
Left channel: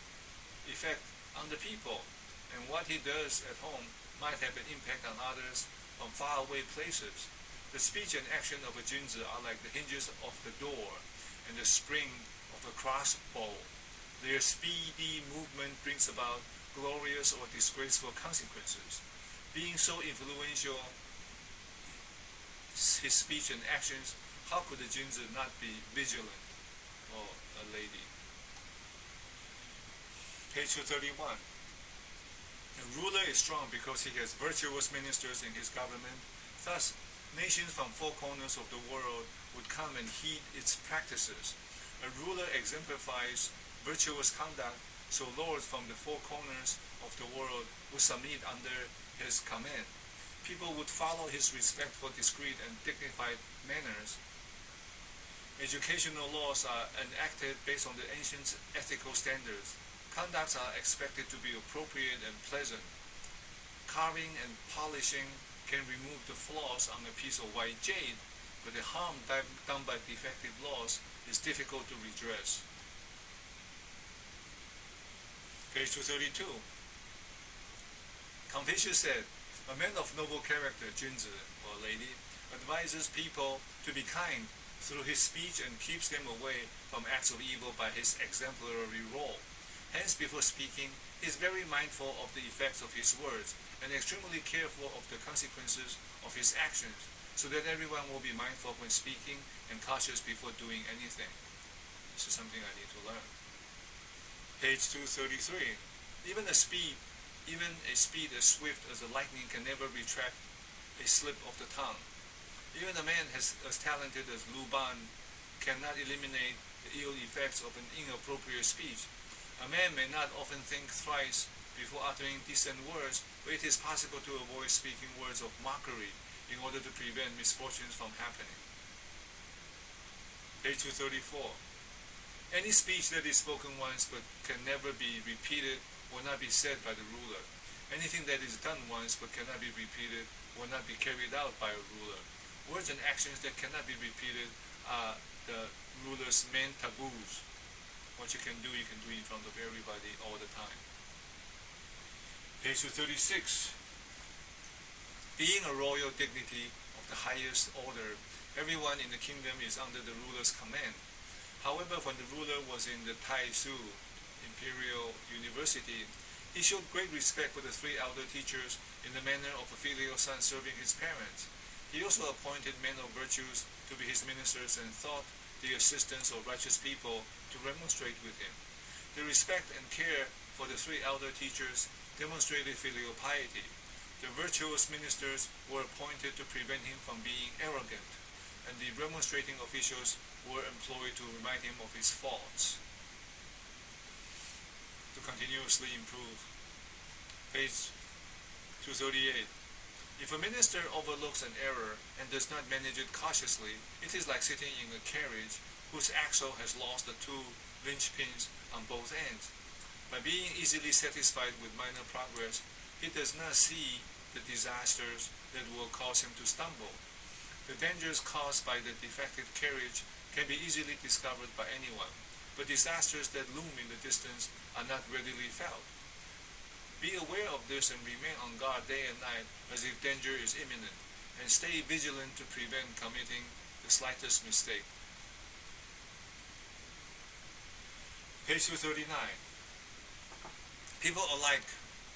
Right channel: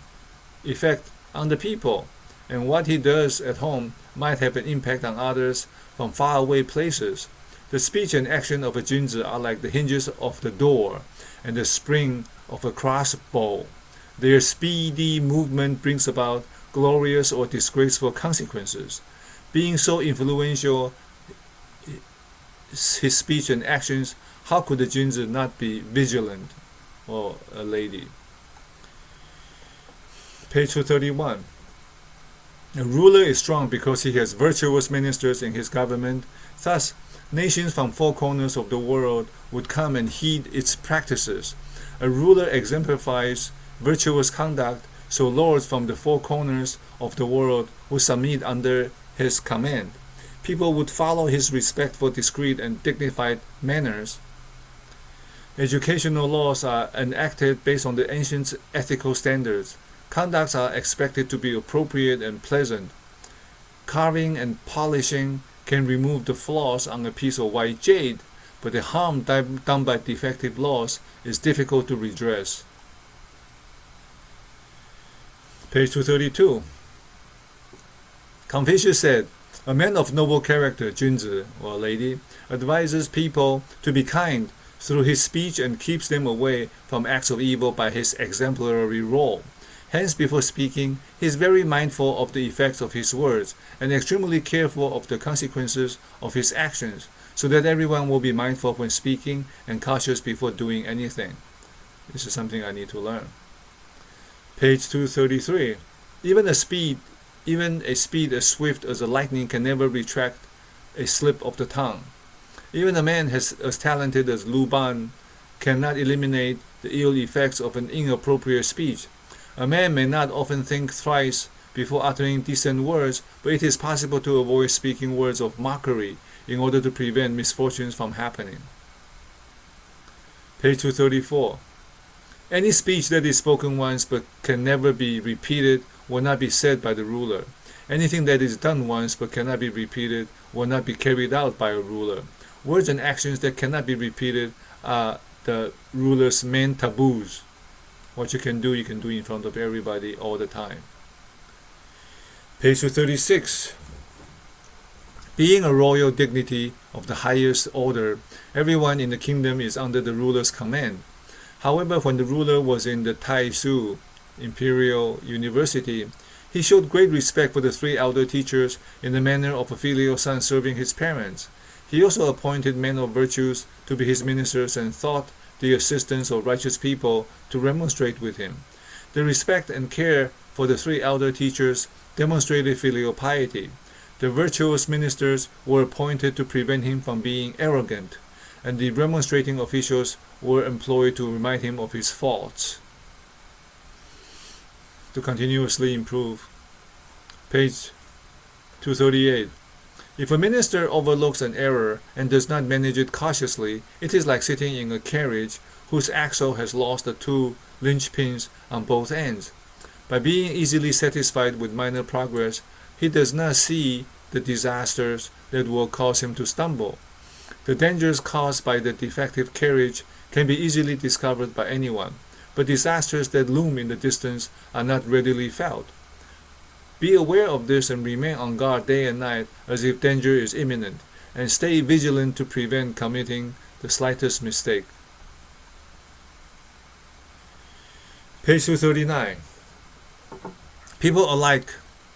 effect on the people, and what he does at home might have an impact on others from faraway places. The speech and action of a Junzi are like the hinges of the door and the spring of a crossbow. Their speedy movement brings about glorious or disgraceful consequences. Being so influential, his speech and actions, how could the Junzi not be vigilant, or a lady? Page 231. A ruler is strong because he has virtuous ministers in his government. Thus, nations from 4 corners of the world would come and heed its practices. A ruler exemplifies virtuous conduct, so lords from the 4 corners of the world would submit under his command. People would follow his respectful, discreet, and dignified manners. Educational laws are enacted based on the ancient ethical standards. Conducts are expected to be appropriate and pleasant. Carving and polishing can remove the flaws on a piece of white jade, but the harm done by defective laws is difficult to redress. Page 232. Confucius said, a man of noble character, Junzi, or lady, advises people to be kind through his speech and keeps them away from acts of evil by his exemplary role. Hence, before speaking, he is very mindful of the effects of his words and extremely careful of the consequences of his actions, so that everyone will be mindful when speaking and cautious before doing anything. This is something I need to learn. Page 233. Even a speed as swift as a lightning can never retract a slip of the tongue. Even a man as talented as Lu Ban cannot eliminate the ill effects of an inappropriate speech. A man may not often think thrice before uttering decent words, but it is possible to avoid speaking words of mockery in order to prevent misfortunes from happening. Page 234. Any speech that is spoken once but can never be repeated will not be said by the ruler. Anything that is done once but cannot be repeated will not be carried out by a ruler. Words and actions that cannot be repeated are the ruler's main taboos. What you can do in front of everybody all the time. Page 236. Being a royal dignity of the highest order, everyone in the kingdom is under the ruler's command. However, when the ruler was in the Taizhou Imperial University, he showed great respect for the three elder teachers in the manner of a filial son serving his parents. He also appointed men of virtues to be his ministers and sought the assistance of righteous people to remonstrate with him. The respect and care for the three elder teachers demonstrated filial piety. The virtuous ministers were appointed to prevent him from being arrogant, and the remonstrating officials were employed to remind him of his faults, to continuously improve. Page 238. If a minister overlooks an error and does not manage it cautiously, it is like sitting in a carriage whose axle has lost the two linchpins on both ends. By being easily satisfied with minor progress, he does not see the disasters that will cause him to stumble. The dangers caused by the defective carriage can be easily discovered by anyone, but disasters that loom in the distance are not readily felt. Be aware of this and remain on guard day and night as if danger is imminent, and stay vigilant to prevent committing the slightest mistake. Page 239. People alike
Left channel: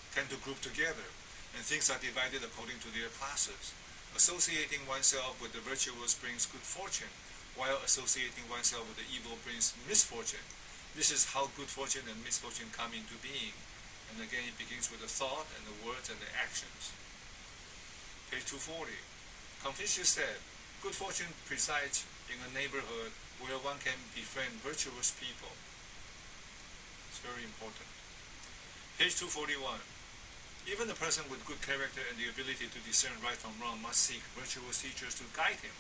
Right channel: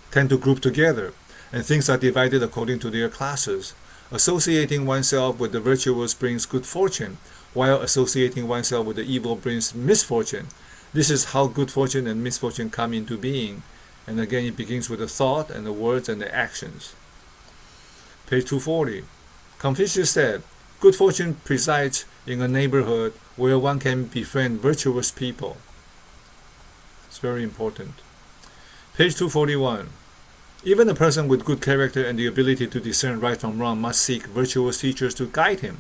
tend to group together, and things are divided according to their classes. Associating oneself with the virtuous brings good fortune, while associating oneself with the evil brings misfortune. This is how good fortune and misfortune come into being. And again, it begins with the thought and the words and the actions. Page 240. Confucius said, good fortune presides in a neighborhood where one can befriend virtuous people. It's very important. Page 241. Even a person with good character and the ability to discern right from wrong must seek virtuous teachers to guide him.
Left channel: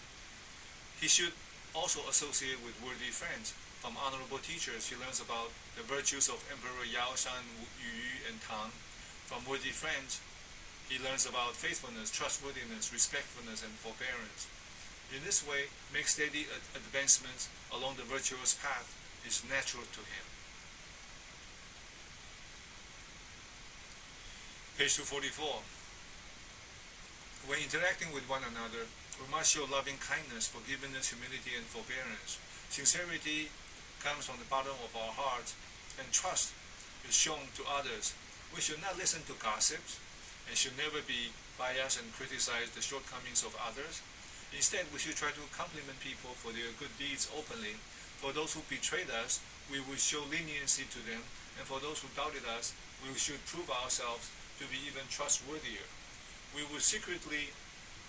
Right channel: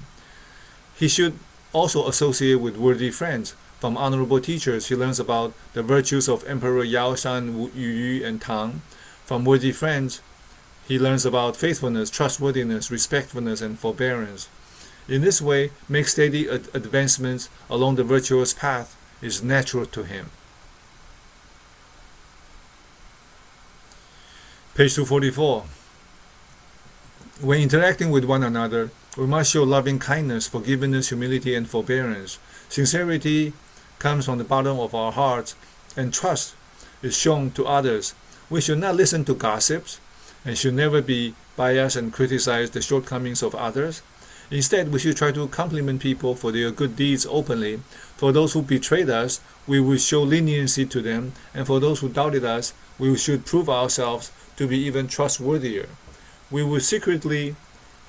He should also associate with worthy friends. From honorable teachers, he learns about the virtues of Emperor Yao Shan, Yu Yu, and Tang. From worthy friends, he learns about faithfulness, trustworthiness, respectfulness, and forbearance. In this way, make steady advancements along the virtuous path is natural to him. Page 244. When interacting with one another, we must show loving kindness, forgiveness, humility, and forbearance. Sincerity comes from the bottom of our hearts, and trust is shown to others. We should not listen to gossips, and should never be biased and criticize the shortcomings of others. Instead, we should try to compliment people for their good deeds openly. For those who betrayed us, we will show leniency to them, and for those who doubted us, we should prove ourselves to be even trustworthier. We will secretly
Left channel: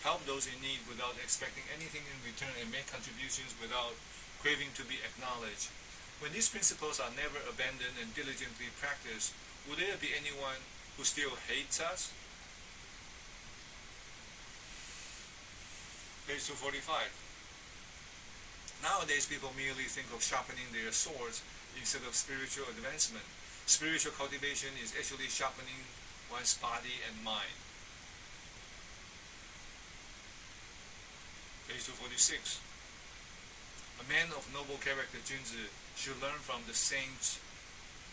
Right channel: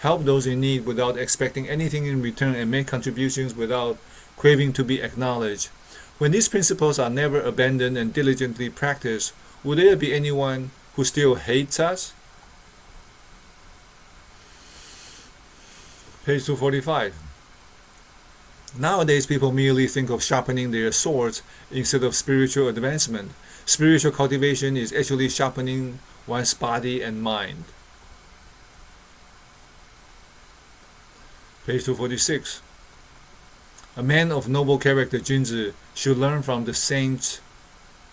help those in need without expecting anything in return, and make contributions without craving to be acknowledged. When these principles are never abandoned and diligently practiced, will there be anyone who still hates us? Page 245. Nowadays, people merely think of sharpening their swords instead of spiritual advancement. Spiritual cultivation is actually sharpening one's body and mind. Page 246. A man of noble character, Junzi, should learn from the saints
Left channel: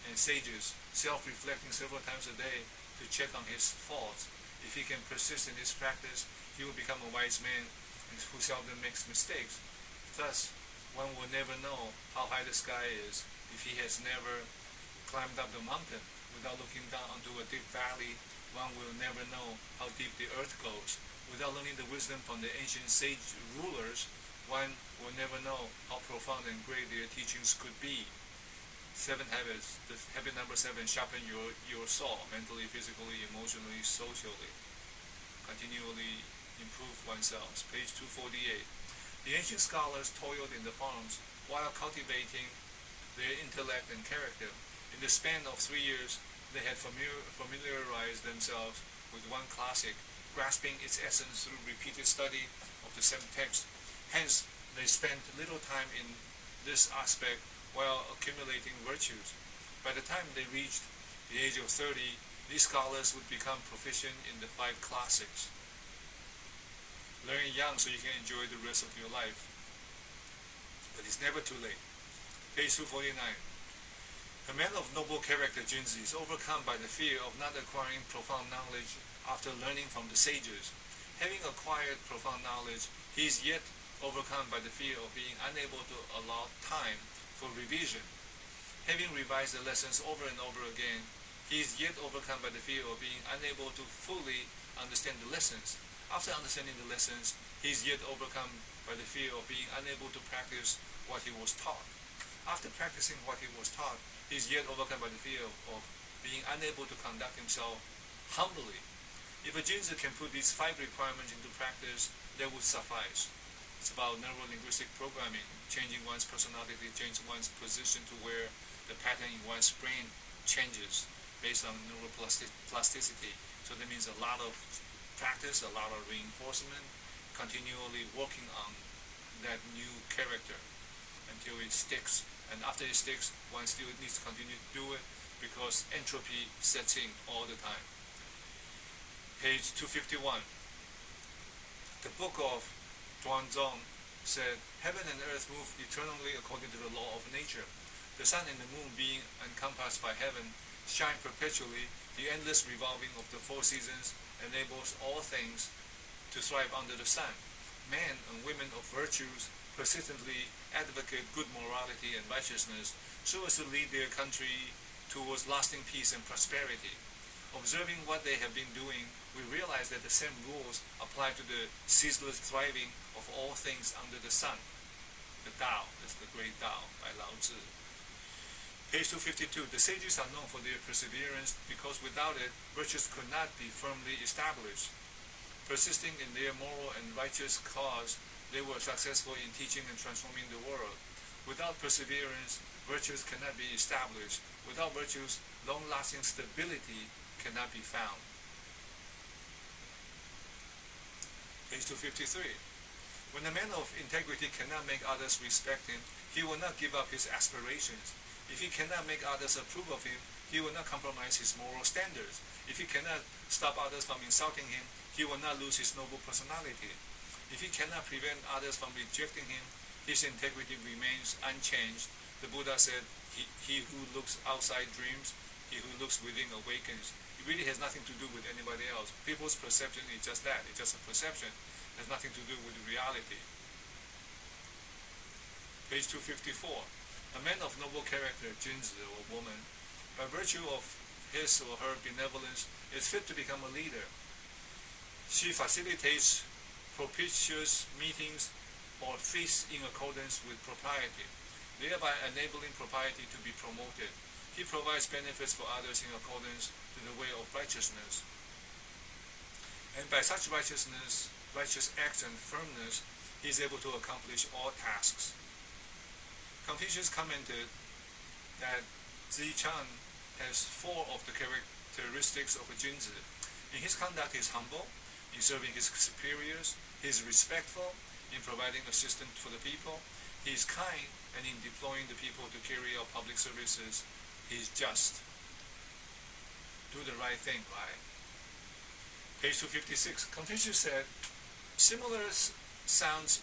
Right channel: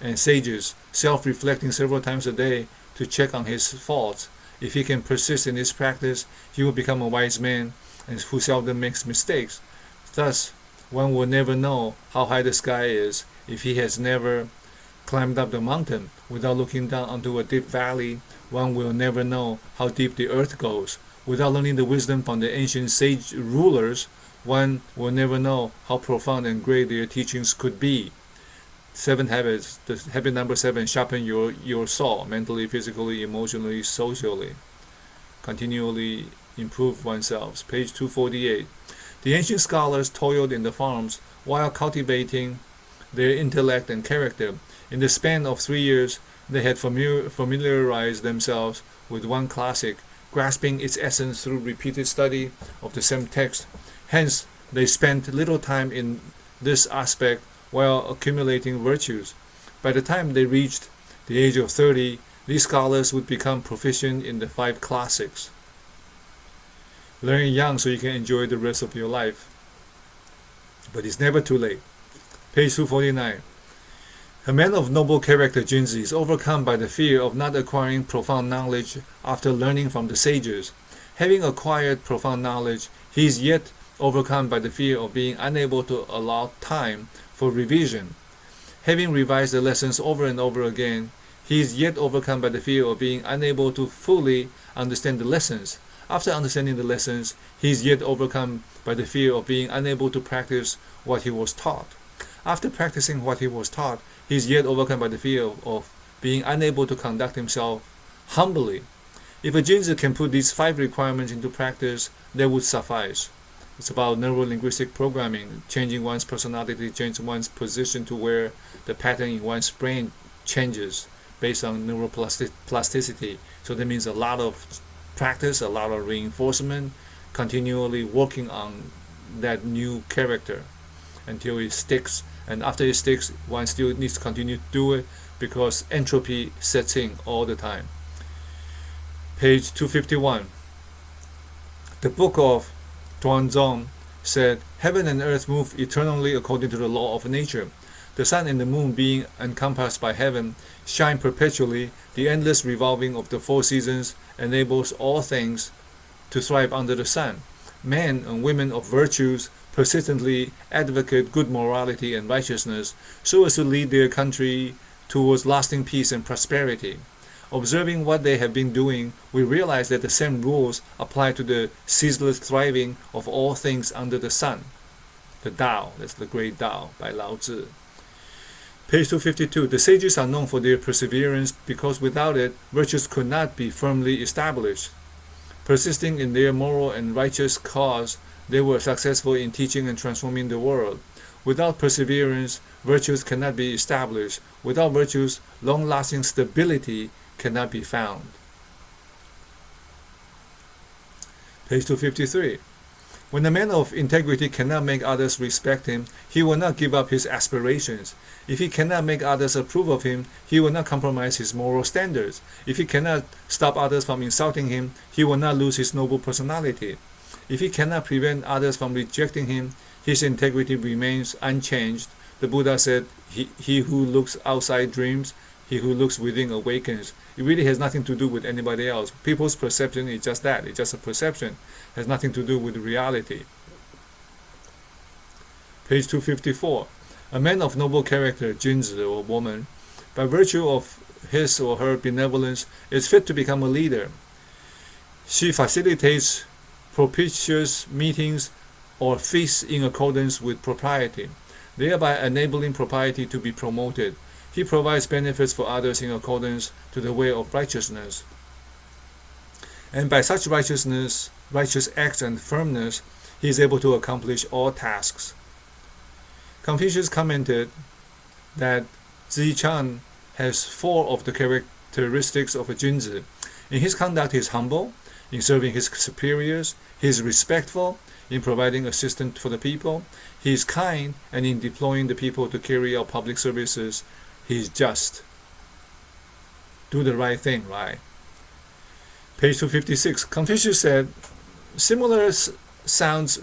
and sages, self-reflecting several times a day to check on his faults. If he can persist in this practice, he will become a wise man and who seldom makes mistakes. Thus, one will never know how high the sky is if he has never climbed up the mountain. Without looking down onto a deep valley, one will never know how deep the earth goes. Without learning the wisdom from the ancient sage rulers, one will never know how profound and great their teachings could be. 7 habits. The habit number 7, sharpen your saw, mentally, physically, emotionally, socially. Continually improve oneself. Page 248. The ancient scholars toiled in the farms while cultivating their intellect and character. In the span of 3 years, they had familiarized themselves with one classic, grasping its essence through repeated study of the same text. Hence, they spent little time in this aspect while accumulating virtues. By the time they reached the age of 30, these scholars would become proficient in the 5 classics. Learn young so you can enjoy the rest of your life. But it's never too late. Page 249. A man of noble character, Junzi, is overcome by the fear of not acquiring profound knowledge after learning from the sages. Having acquired profound knowledge, he is yet overcome by the fear of being unable to allow time for revision. Having revised the lessons over and over again, he is yet overcome by the fear of being unable to fully understand the lessons. After understanding the lessons, he is yet overcome by the fear of being unable to practice what he was taught. After practicing what he was taught, he is yet overcome by the fear of being unable to conduct himself humbly. If a Junzi can put these 5 requirements into practice, that would suffice. It's about neuro-linguistic programming, changing one's personality, changing one's position to where the pattern in one's brain changes based on neuroplasticity. So that means a lot of practice, a lot of reinforcement, continually working on that new character until it sticks. And after it sticks, one still needs to continue to do it because entropy sets in all the time. Page 251. The book of Tuanzong said, "Heaven and earth move eternally according to the law of nature. The sun and the moon, being encompassed by heaven, shine perpetually. The endless revolving of the 4 seasons enables all things to thrive under the sun. Men and women of virtues persistently advocate good morality and righteousness so as to lead their country towards lasting peace and prosperity. Observing what they have been doing, we realize that the same rules apply to the ceaseless thriving of all things under the sun." The Tao, that's the great Tao by Lao Tzu. Page 252. The sages are known for their perseverance because without it, virtues could not be firmly established. Persisting in their moral and righteous cause, they were successful in teaching and transforming the world. Without perseverance, virtues cannot be established. Without virtues, long-lasting stability cannot be found. Page 253. When a man of integrity cannot make others respect him, he will not give up his aspirations. If he cannot make others approve of him, he will not compromise his moral standards. If he cannot stop others from insulting him, he will not lose his noble personality. If he cannot prevent others from rejecting him, his integrity remains unchanged. The Buddha said, he who looks outside dreams, he who looks within awakens. It really has nothing to do with anybody else. People's perception is just that. It's just a perception. It has nothing to do with reality. Page 254. A man of noble character, Junzi or woman, by virtue of his or her benevolence, is fit to become a leader. She facilitates propitious meetings or feasts in accordance with propriety, thereby enabling propriety to be promoted. He provides benefits for others in accordance to the way of righteousness. And by such righteous acts and firmness, he is able to accomplish all tasks. Confucius commented that Zichan has 4 of the characteristics of a Junzi. In his conduct, he is humble. In serving his superiors, he is respectful. In providing assistance for the people, he is kind. And in deploying the people to carry out public services, he is just. Do the right thing, right? Page 256. Confucius said, similar sounds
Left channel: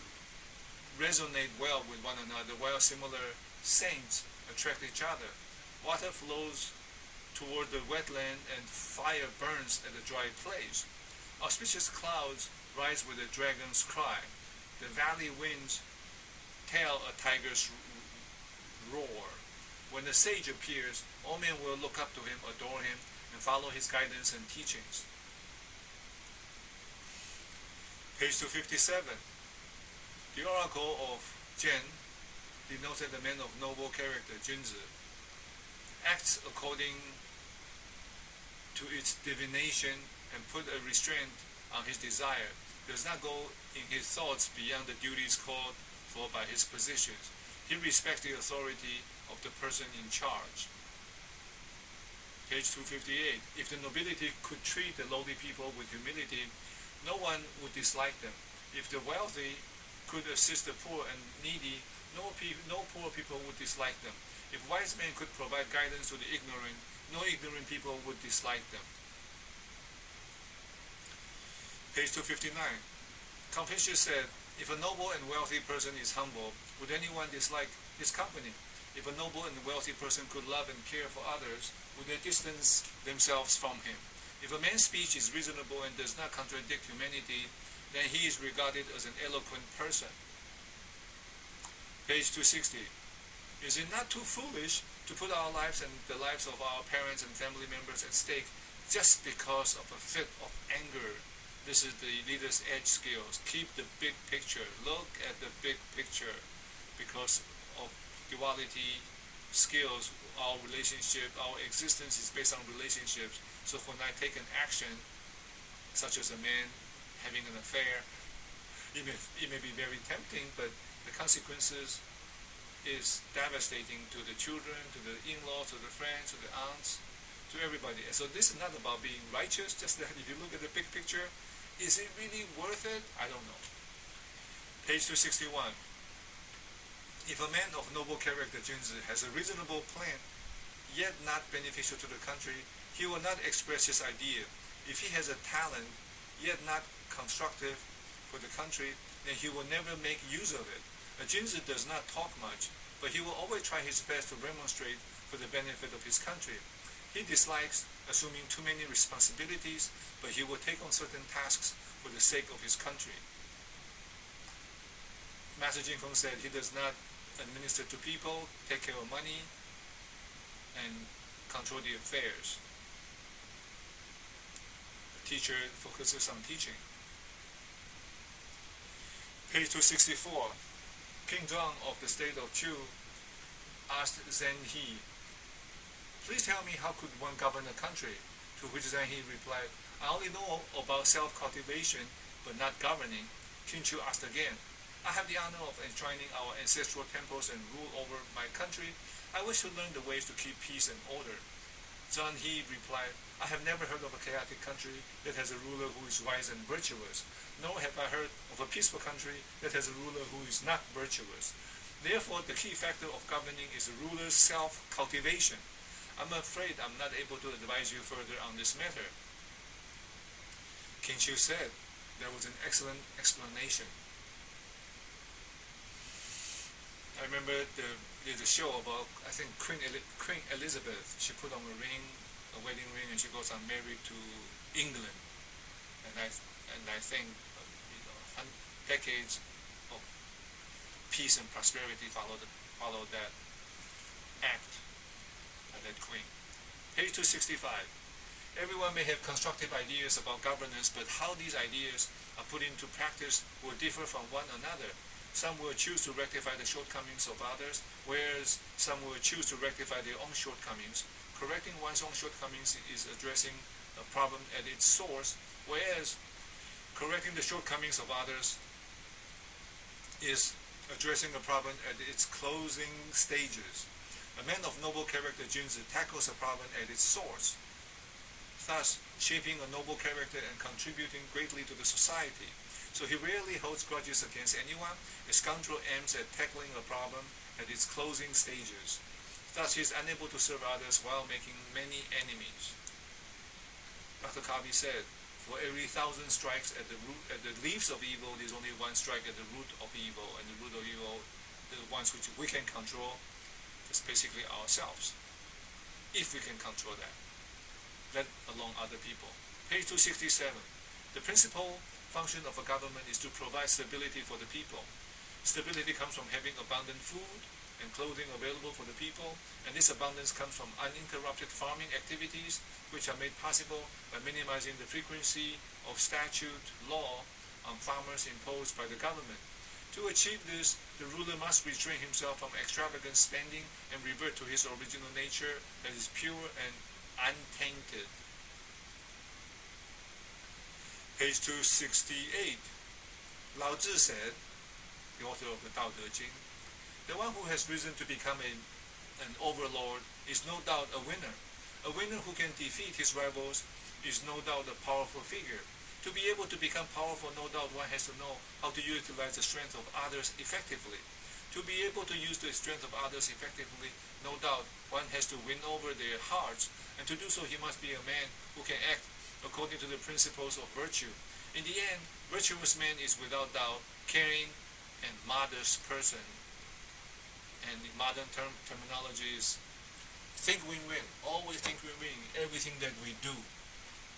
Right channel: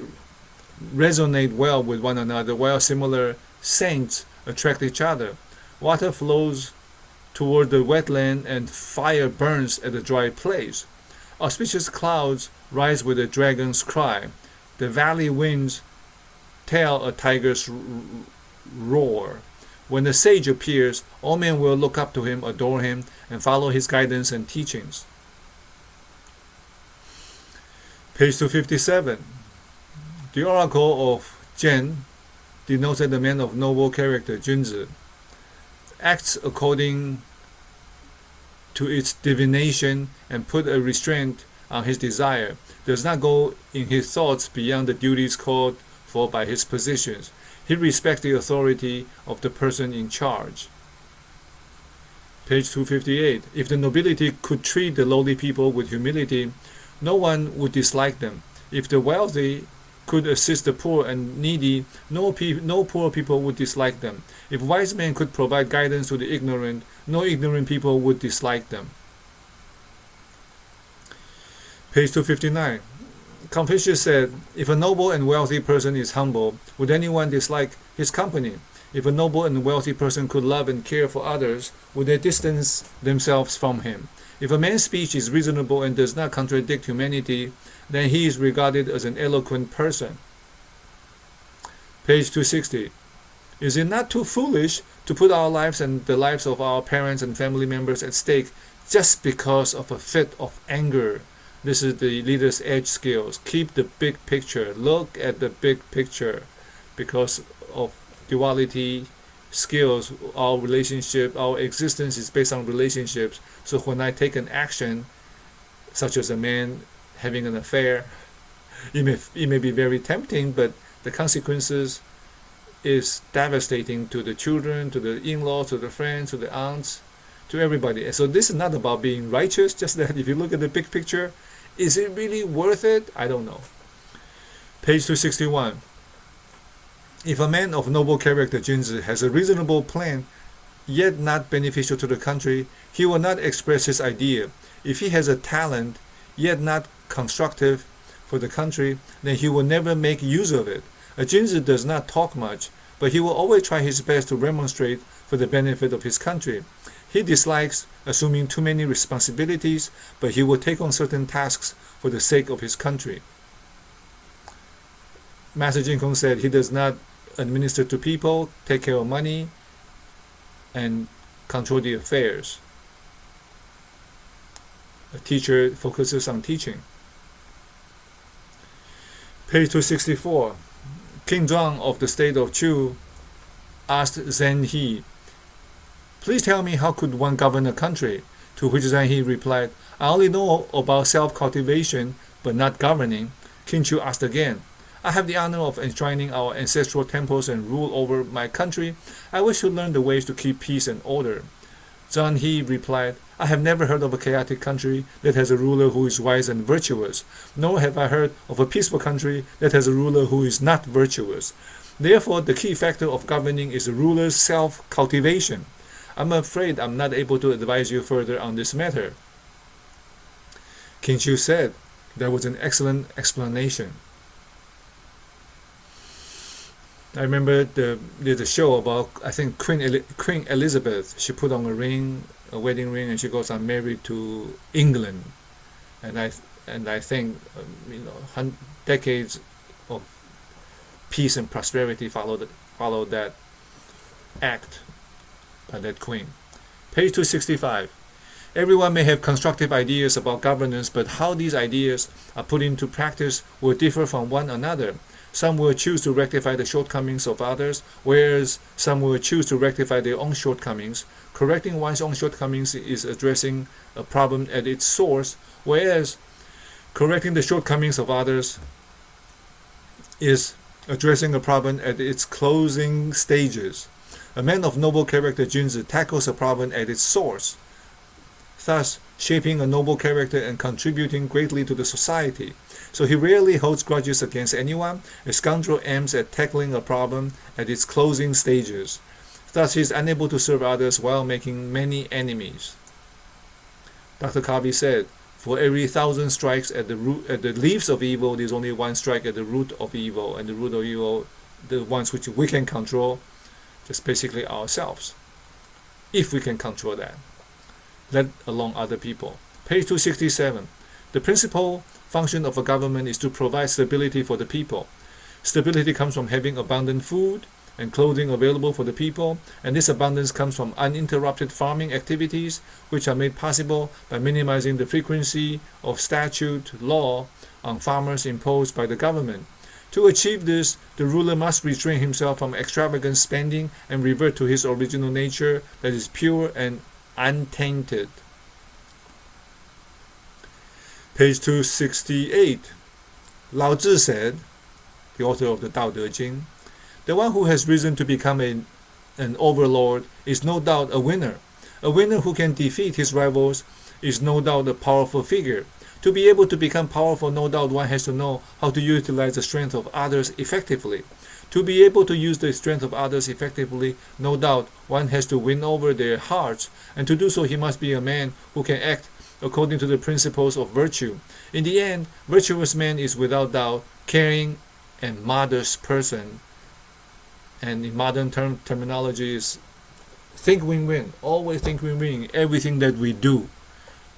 resonate well with one another, while similar scents attract each other. Water flows toward the wetland and fire burns at the dry place. Auspicious clouds rise with a dragon's cry. The valley winds tell a tiger's roar. When the sage appears, all men will look up to him, adore him, and follow his guidance and teachings. Page 257. The oracle of Zhen denoted the man of noble character, Junzi, acts according to its divination and put a restraint on his desire. does not go in his thoughts beyond the duties called for by his positions. He respects the authority of the person in charge. Page 258. If the nobility could treat the lowly people with humility, no one would dislike them. If the wealthy could assist the poor and needy, no poor people would dislike them. If wise men could provide guidance to the ignorant, no ignorant people would dislike them. Page 259. Confucius said, if a noble and wealthy person is humble, would anyone dislike his company? If a noble and wealthy person could love and care for others, would they distance themselves from him? If a man's speech is reasonable and does not contradict humanity, then he is regarded as an eloquent person. Page 260. Is it not too foolish to put our lives and the lives of our parents and family members at stake just because of a fit of anger? This is the leader's edge skills. Keep the big picture. Look at the big picture. Because of duality skills, our relationship, our existence is based on relationships. So when I take an action, such as a man having an affair, it may be very tempting, but the consequences is devastating to the children, to the in-laws, to the friends, to the aunts, to everybody. So this is not about being righteous, just that if you look at the big picture, is it really worth it? I don't know. Page 261. If a man of noble character, Junzi, has a reasonable plan, yet not beneficial to the country, he will not express his idea. If he has a talent, yet not constructive for the country, then he will never make use of it. A Junzi does not talk much, but he will always try his best to remonstrate for the benefit of his country. He dislikes assuming too many responsibilities, but he will take on certain tasks for the sake of his country. Master Jin Kong said he does not administer to people, take care of money, and control the affairs. A teacher focuses on teaching. Page 264. King Zhuang of the state of Chu asked Zhen He, please tell me, how could one govern a country? To which Zhen He replied, I only know about self-cultivation, but not governing. King Chu asked again, I have the honor of enshrining our ancestral temples and rule over my country. I wish to learn the ways to keep peace and order. Zhen He replied, I have never heard of a chaotic country that has a ruler who is wise and virtuous, nor have I heard of a peaceful country that has a ruler who is not virtuous. Therefore, the key factor of governing is the ruler's self-cultivation. I'm afraid I'm not able to advise you further on this matter. King Chu said, that was an excellent explanation. I remember there's a show about, I think, Queen Elizabeth. She put on a wedding ring, and she goes on married to England. And I think decades of peace and prosperity followed that act by that queen. Page 265. Everyone may have constructive ideas about governance, but how these ideas are put into practice will differ from one another. Some will choose to rectify the shortcomings of others, whereas some will choose to rectify their own shortcomings. Correcting one's own shortcomings is addressing a problem at its source, whereas correcting the shortcomings of others is addressing a problem at its closing stages. A man of noble character, Junzi, tackles a problem at its source, thus shaping a noble character and contributing greatly to the society. So he rarely holds grudges against anyone. A scoundrel aims at tackling a problem at its closing stages. Thus he is unable to serve others while making many enemies. Dr. Kabi said, for every 1,000 strikes at the leaves of evil, there's only one strike at the root of evil, and the root of evil, the ones which we can control, just basically ourselves, if we can control that, let alone other people. Page 267. The principal function of a government is to provide stability for the people. Stability comes from having abundant food and clothing available for the people, and this abundance comes from uninterrupted farming activities, which are made possible by minimizing the frequency of statute law on farmers imposed by the government. To achieve this, the ruler must restrain himself from extravagant spending and revert to his original nature that is pure and untainted. Page 268. Lao Tzu said, the author of the Tao Te Ching, the one who has risen to become an overlord is no doubt a winner. A winner who can defeat his rivals is no doubt a powerful figure. To be able to become powerful, no doubt one has to know how to utilize the strength of others effectively. To be able to use the strength of others effectively, no doubt one has to win over their hearts, and to do so he must be a man who can act according to the principles of virtue. In the end, virtuous man is without doubt caring and modest person, and in modern terminology is think win-win, always think win-win in everything that we do.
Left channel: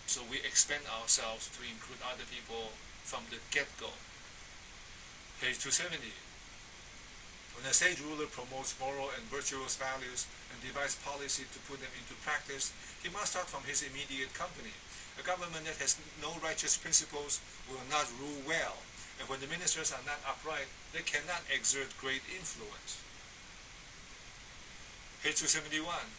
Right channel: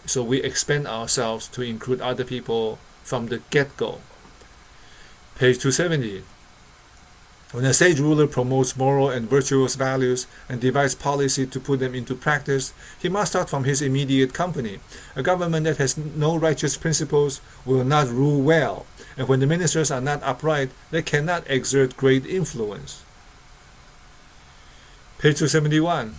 So we expand ourselves to include other people from the get-go. Page 270. When a sage ruler promotes moral and virtuous values and devises policy to put them into practice, he must start from his immediate company. A government that has no righteous principles will not rule well, and when the ministers are not upright, they cannot exert great influence. Page 271.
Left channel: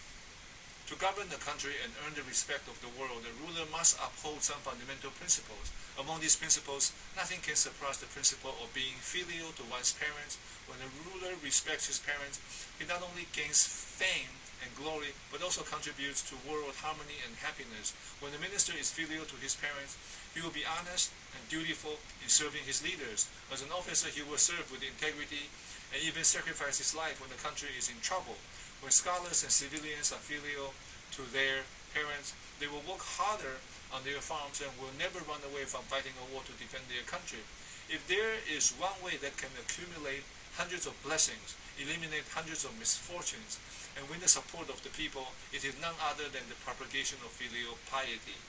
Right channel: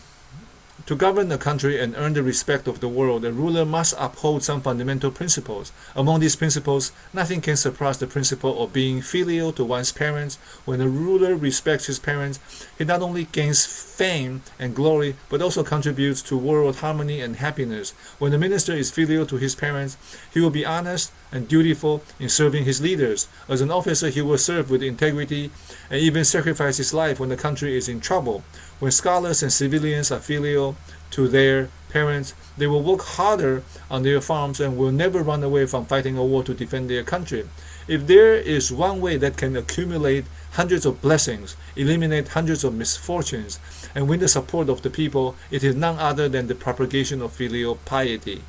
To govern a country and earn the respect of the world, a ruler must uphold some fundamental principles. Among these principles, nothing can surpass the principle of being filial to one's parents. When a ruler respects his parents, he not only gains fame and glory, but also contributes to world harmony and happiness. When a minister is filial to his parents, he will be honest and dutiful in serving his leaders. As an officer, he will serve with integrity and even sacrifice his life when the country is in trouble. When scholars and civilians are filial to their parents, they will work harder on their farms and will never run away from fighting a war to defend their country. If there is one way that can accumulate hundreds of blessings, eliminate hundreds of misfortunes, and win the support of the people, it is none other than the propagation of filial piety,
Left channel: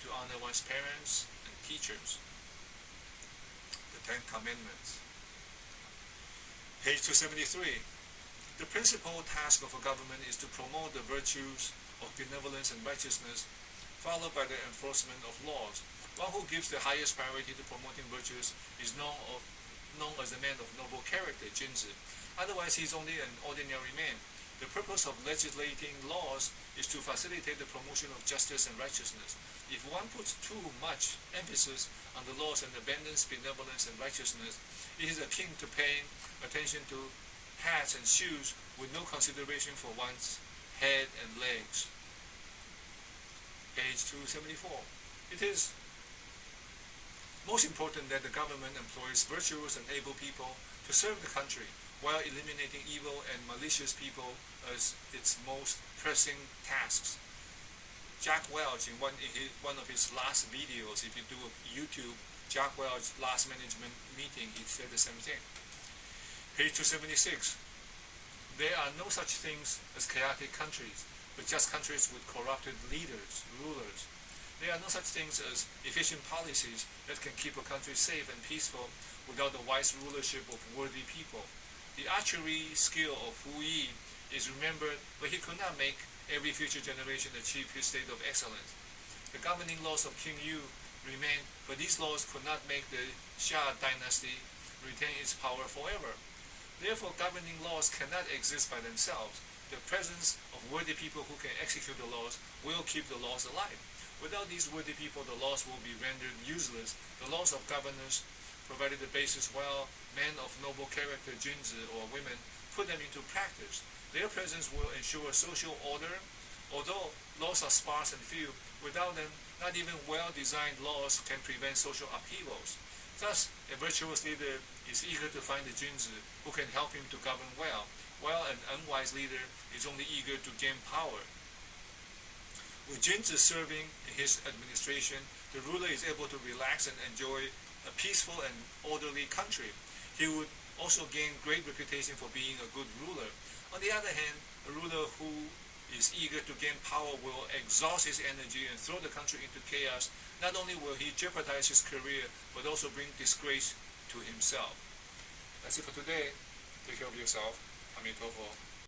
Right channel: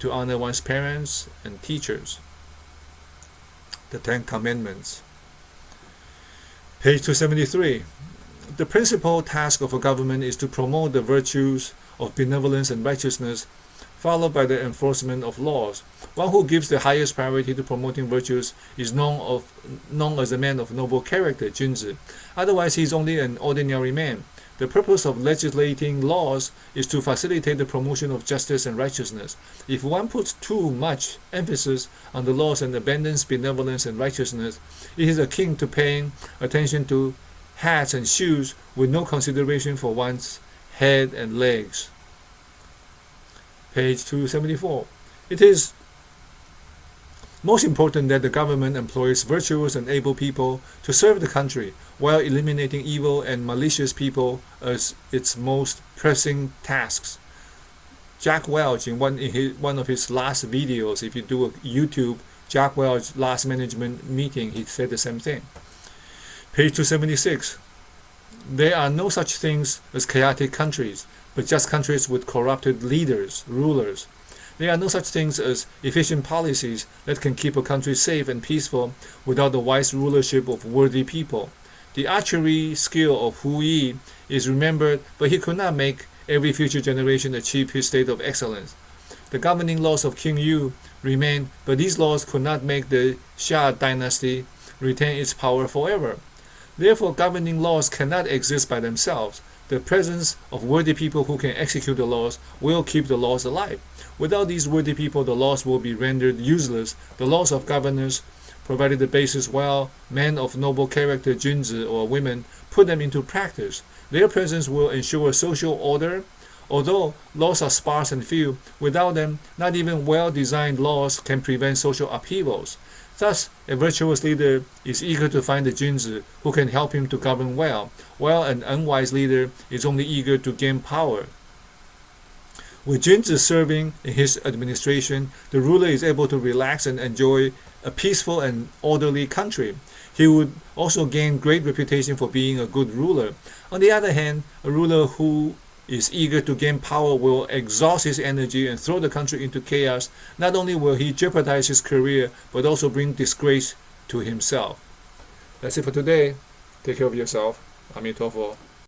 to honor one's parents and teachers. The Ten Commandments. Page 273. The principal task of a government is to promote the virtues of benevolence and righteousness, followed by the enforcement of laws. One who gives the highest priority to promoting virtues is known as a man of noble character, Junzi. Otherwise, he is only an ordinary man. The purpose of legislating laws is to facilitate the promotion of justice and righteousness. If one puts too much emphasis on the laws and abandons benevolence and righteousness, it is akin to paying attention to hats and shoes with no consideration for one's head and legs. Page 274. It is most important that the government employs virtuous and able people to serve the country, while eliminating evil and malicious people as its most pressing tasks. Jack Welch, in one of his last videos, if you do a YouTube Jack Welch last management meeting, he said the same thing. Page 276. There are no such things as chaotic countries, but just countries with corrupted leaders, rulers. There are no such things as efficient policies that can keep a country safe and peaceful without the wise rulership of worthy people. The archery skill of Hu Yi is remembered, but he could not make every future generation achieve his state of excellence. The governing laws of King Yu remain, but these laws could not make the Xia dynasty retain its power forever. Therefore, governing laws cannot exist by themselves. The presence of worthy people who can execute the laws will keep the laws alive. Without these worthy people, the laws will be rendered useless. The laws of governors provided the basis, while men of noble character, Junzi, or women, put them into practice. Their presence will ensure social order. Although laws are sparse and few, without them, not even well-designed laws can prevent social upheavals. Thus, a virtuous leader is eager to find the Junzi who can help him to govern well, while an unwise leader is only eager to gain power. With Junzi serving in his administration, the ruler is able to relax and enjoy a peaceful and orderly country. He would also gain great reputation for being a good ruler. On the other hand, a ruler who is eager to gain power will exhaust his energy and throw the country into chaos. Not only will he jeopardize his career, but also bring disgrace to himself. That's it for today. Take care of yourself. Amitofo.